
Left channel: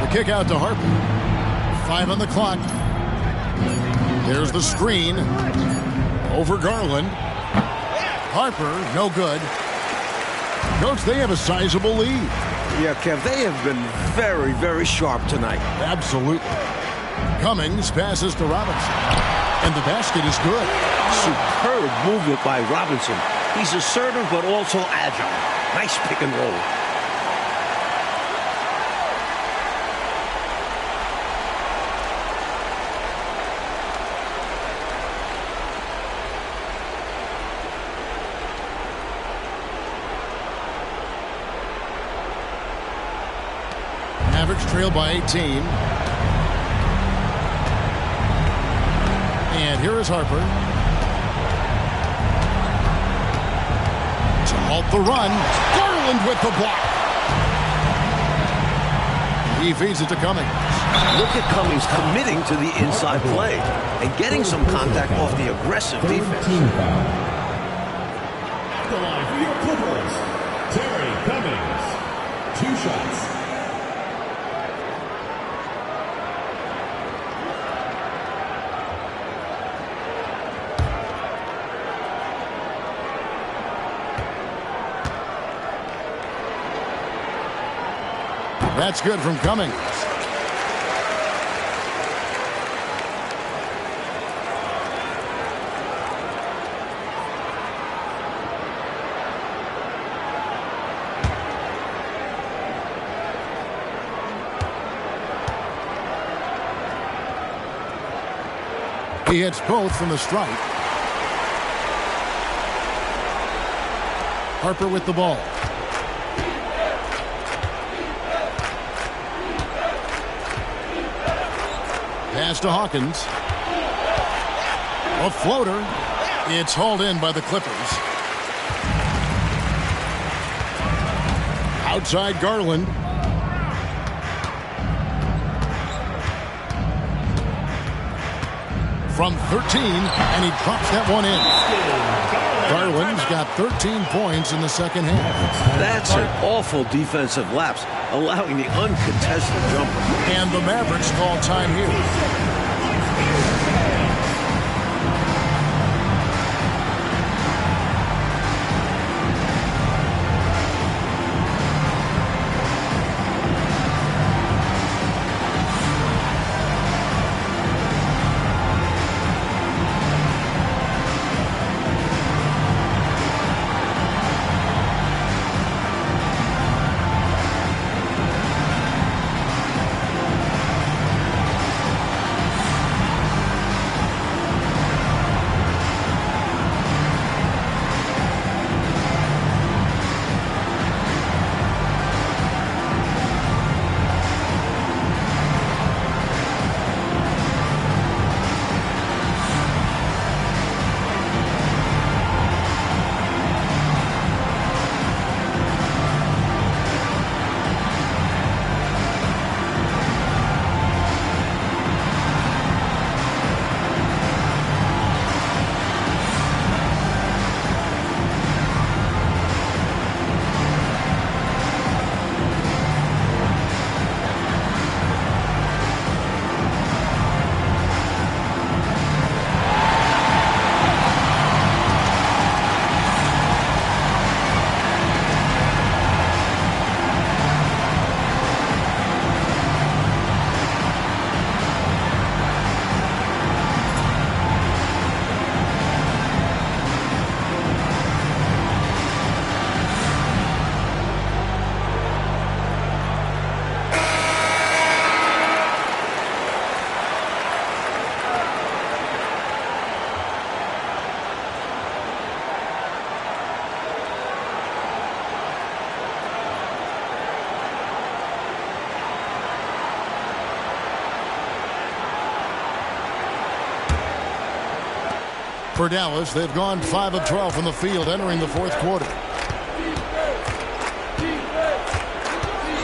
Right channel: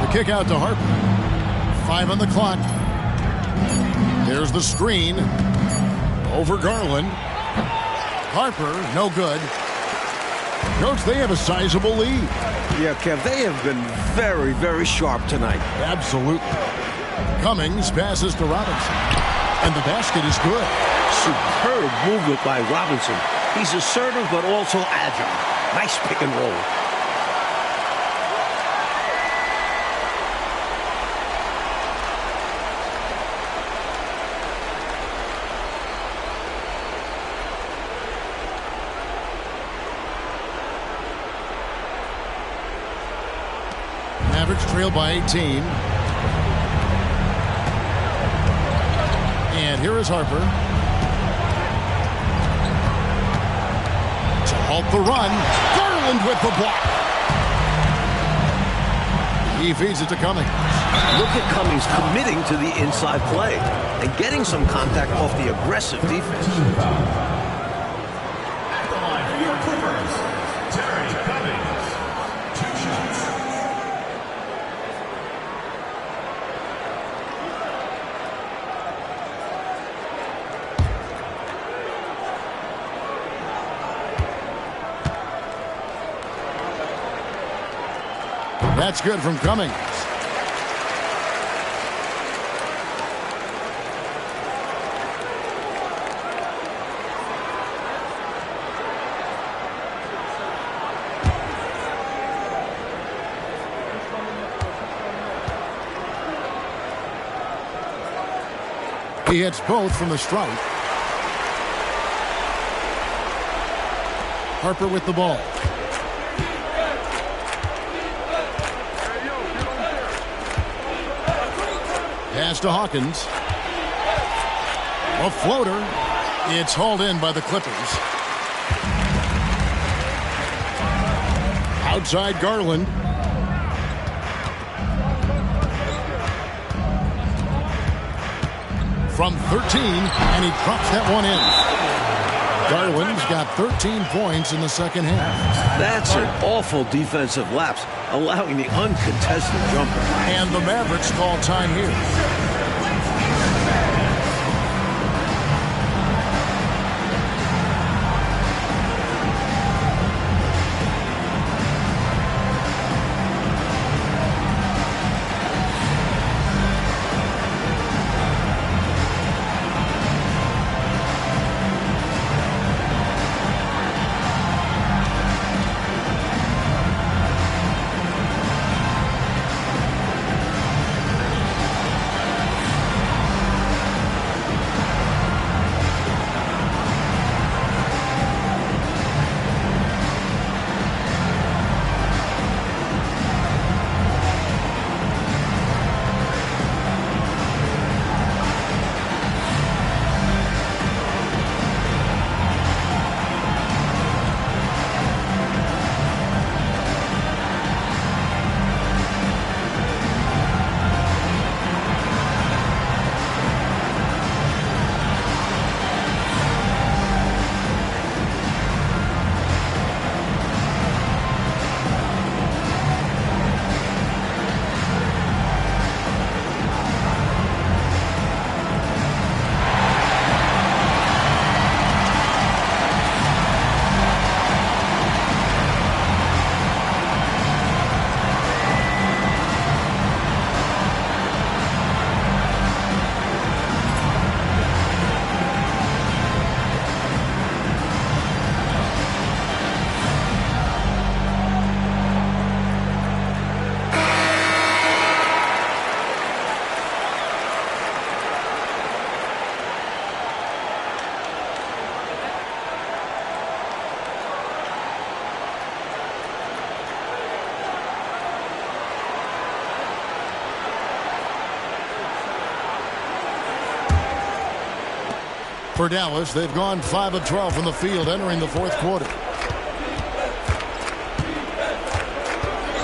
The kick out to Harper. 5 on the clock. There's the screen. Over Garland. Harper, no good. Coach, they have a sizable lead. Yeah, Kev, they have been very, very sharp tonight. Absolutely. Cummings passes to Robinson. And the basket is good. Superb movement by Robinson. He's assertive but also agile. Nice pick and roll. Mavericks trail by 18. And here is Harper. To halt the run. Garland with the block. He feeds it to Cummings. Look at Cummings committing to the inside play and getting some contact off the aggressive defense. At the line for your Clippers, Terry Cummings. 2 shots. That's good from Cummings. He hits both from the stripe. Harper with the ball. Pass to Hawkins. A floater. It's hauled in by the Clippers. Outside Garland. From 13, and he drops that one in. Garland's got 13 points in the second half. That's an awful defensive lapse, allowing the uncontested jumper. And the Mavericks call time here. For Dallas, they've gone 5 of 12 from the field entering the fourth quarter.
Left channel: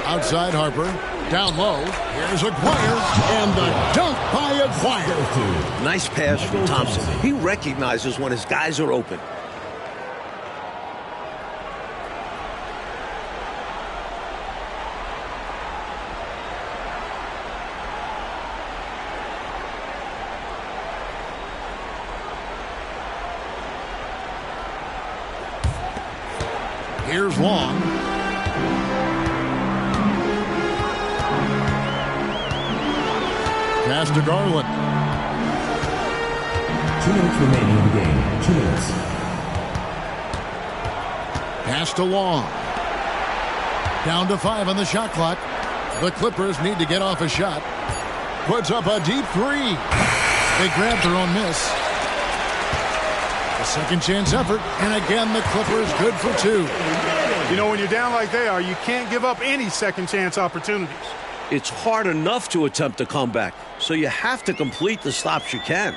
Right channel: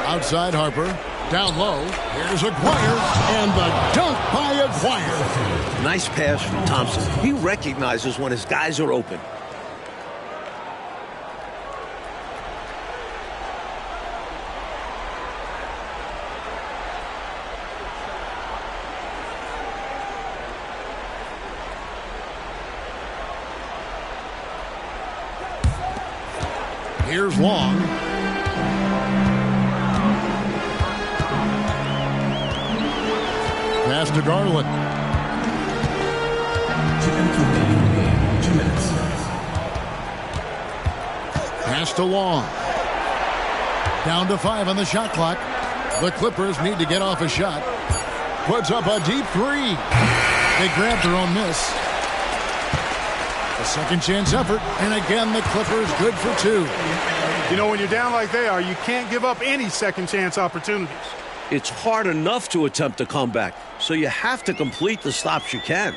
Outside Harper. Down low. Here's Aguirre. And the dunk by Aguirre. Nice pass from Thompson. He recognizes when his guys are open. Here's Long. Pass to Garland. 2 minutes remaining in the game. 2 minutes. Pass to Long. Down to 5 on the shot clock. The Clippers need to get off a shot. Puts up a deep three. They grab their own miss. A second chance effort, and again the Clippers good for 2. You know, when you're down like they are, you can't give up any second chance opportunities. It's hard enough to attempt a comeback, so you have to complete the stops you can.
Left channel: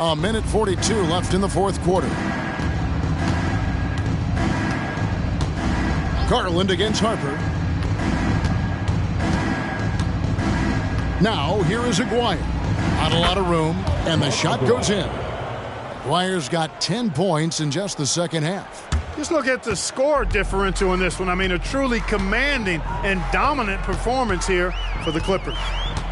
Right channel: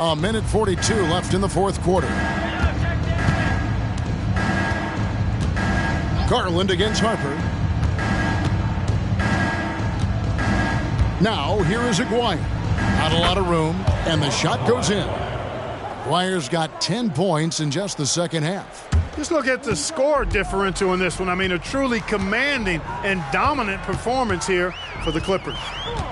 A minute 42 left in the fourth quarter. Garland against Harper. Now, here is Aguirre. Not a lot of room, and the shot goes in. Aguirre's got 10 points in just the second half. Just look at the score differential in this one. I mean, a truly commanding and dominant performance here for the Clippers.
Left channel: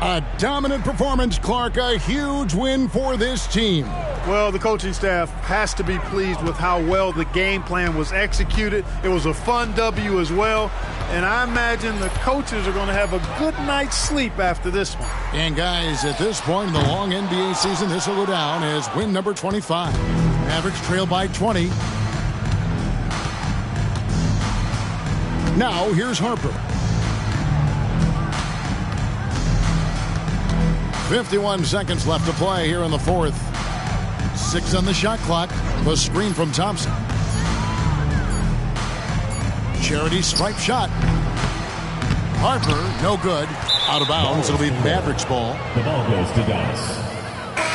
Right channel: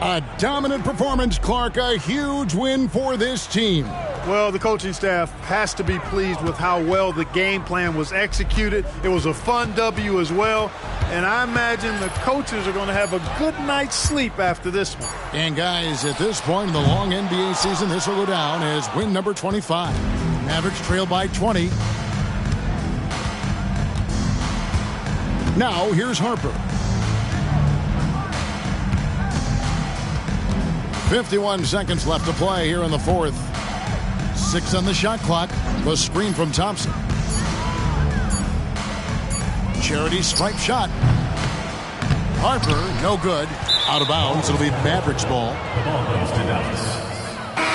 A dominant performance, Clark. A huge win for this team. Well, the coaching staff has to be pleased with how well the game plan was executed. It was a fun W as well. And I imagine the coaches are going to have a good night's sleep after this one. And guys, at this point in the long NBA season, this will go down as win number 25. Mavericks trail by 20. Now, here's Harper. 51 seconds left to play here in the fourth. 6 on the shot clock. The screen from Thompson. Charity stripe shot. Harper, no good. Out of bounds. It'll be Mavericks ball. The ball goes to Dallas.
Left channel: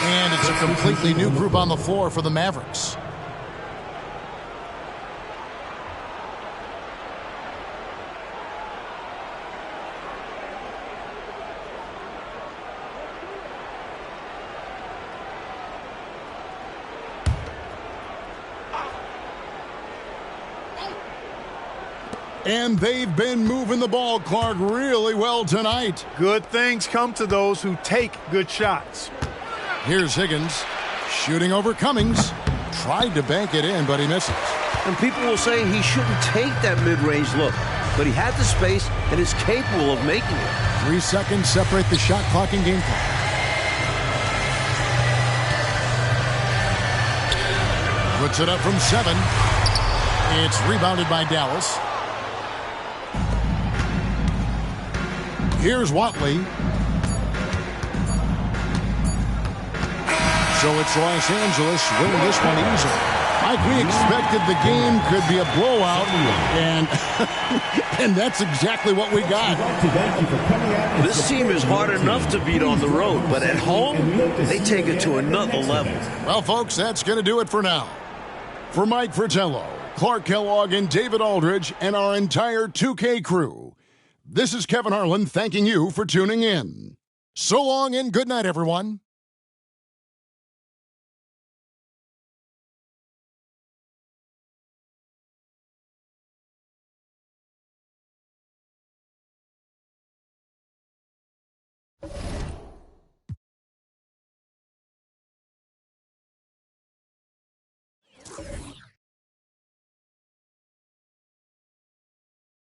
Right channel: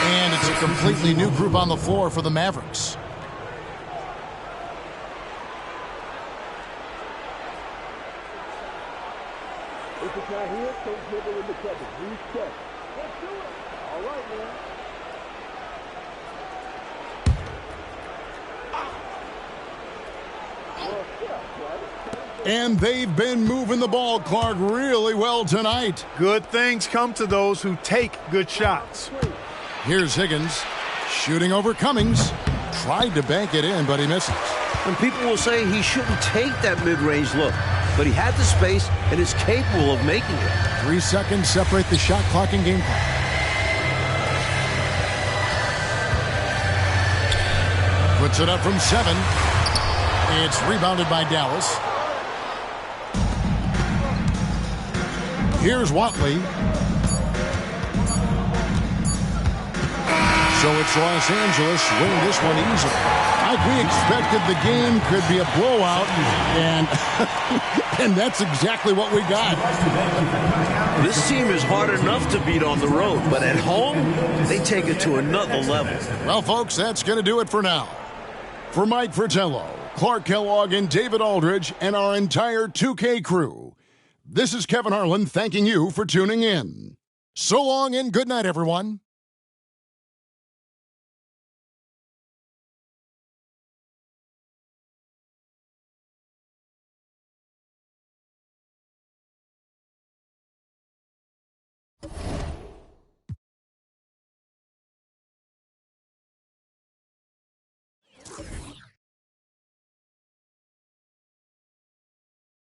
And it's a completely new group on the floor for the Mavericks. And they've been moving the ball, Clark, really well tonight. Good things come to those who take good shots. Here's Higgins shooting over Cummings. Tried to bank it in, but he misses. And people will say he shouldn't take that mid-range look, but he had the space and is capable of making it. 3 seconds separate the shot clock and game clock. Puts it up from 7. It's rebounded by Dallas. Here's Watley. So it's Los Angeles winning this one easily. Mike, we expected the game could be a blowout, and and that's exactly what we got. This team is hard enough to beat on the road, but at home, they take it to another level. Well, folks, that's going to do it for now. For Mike Fratello, Clark Kellogg, and David Aldridge, and our entire 2K crew, this is Kevin Harlan thanking you for tuning in. So long and good night, everyone.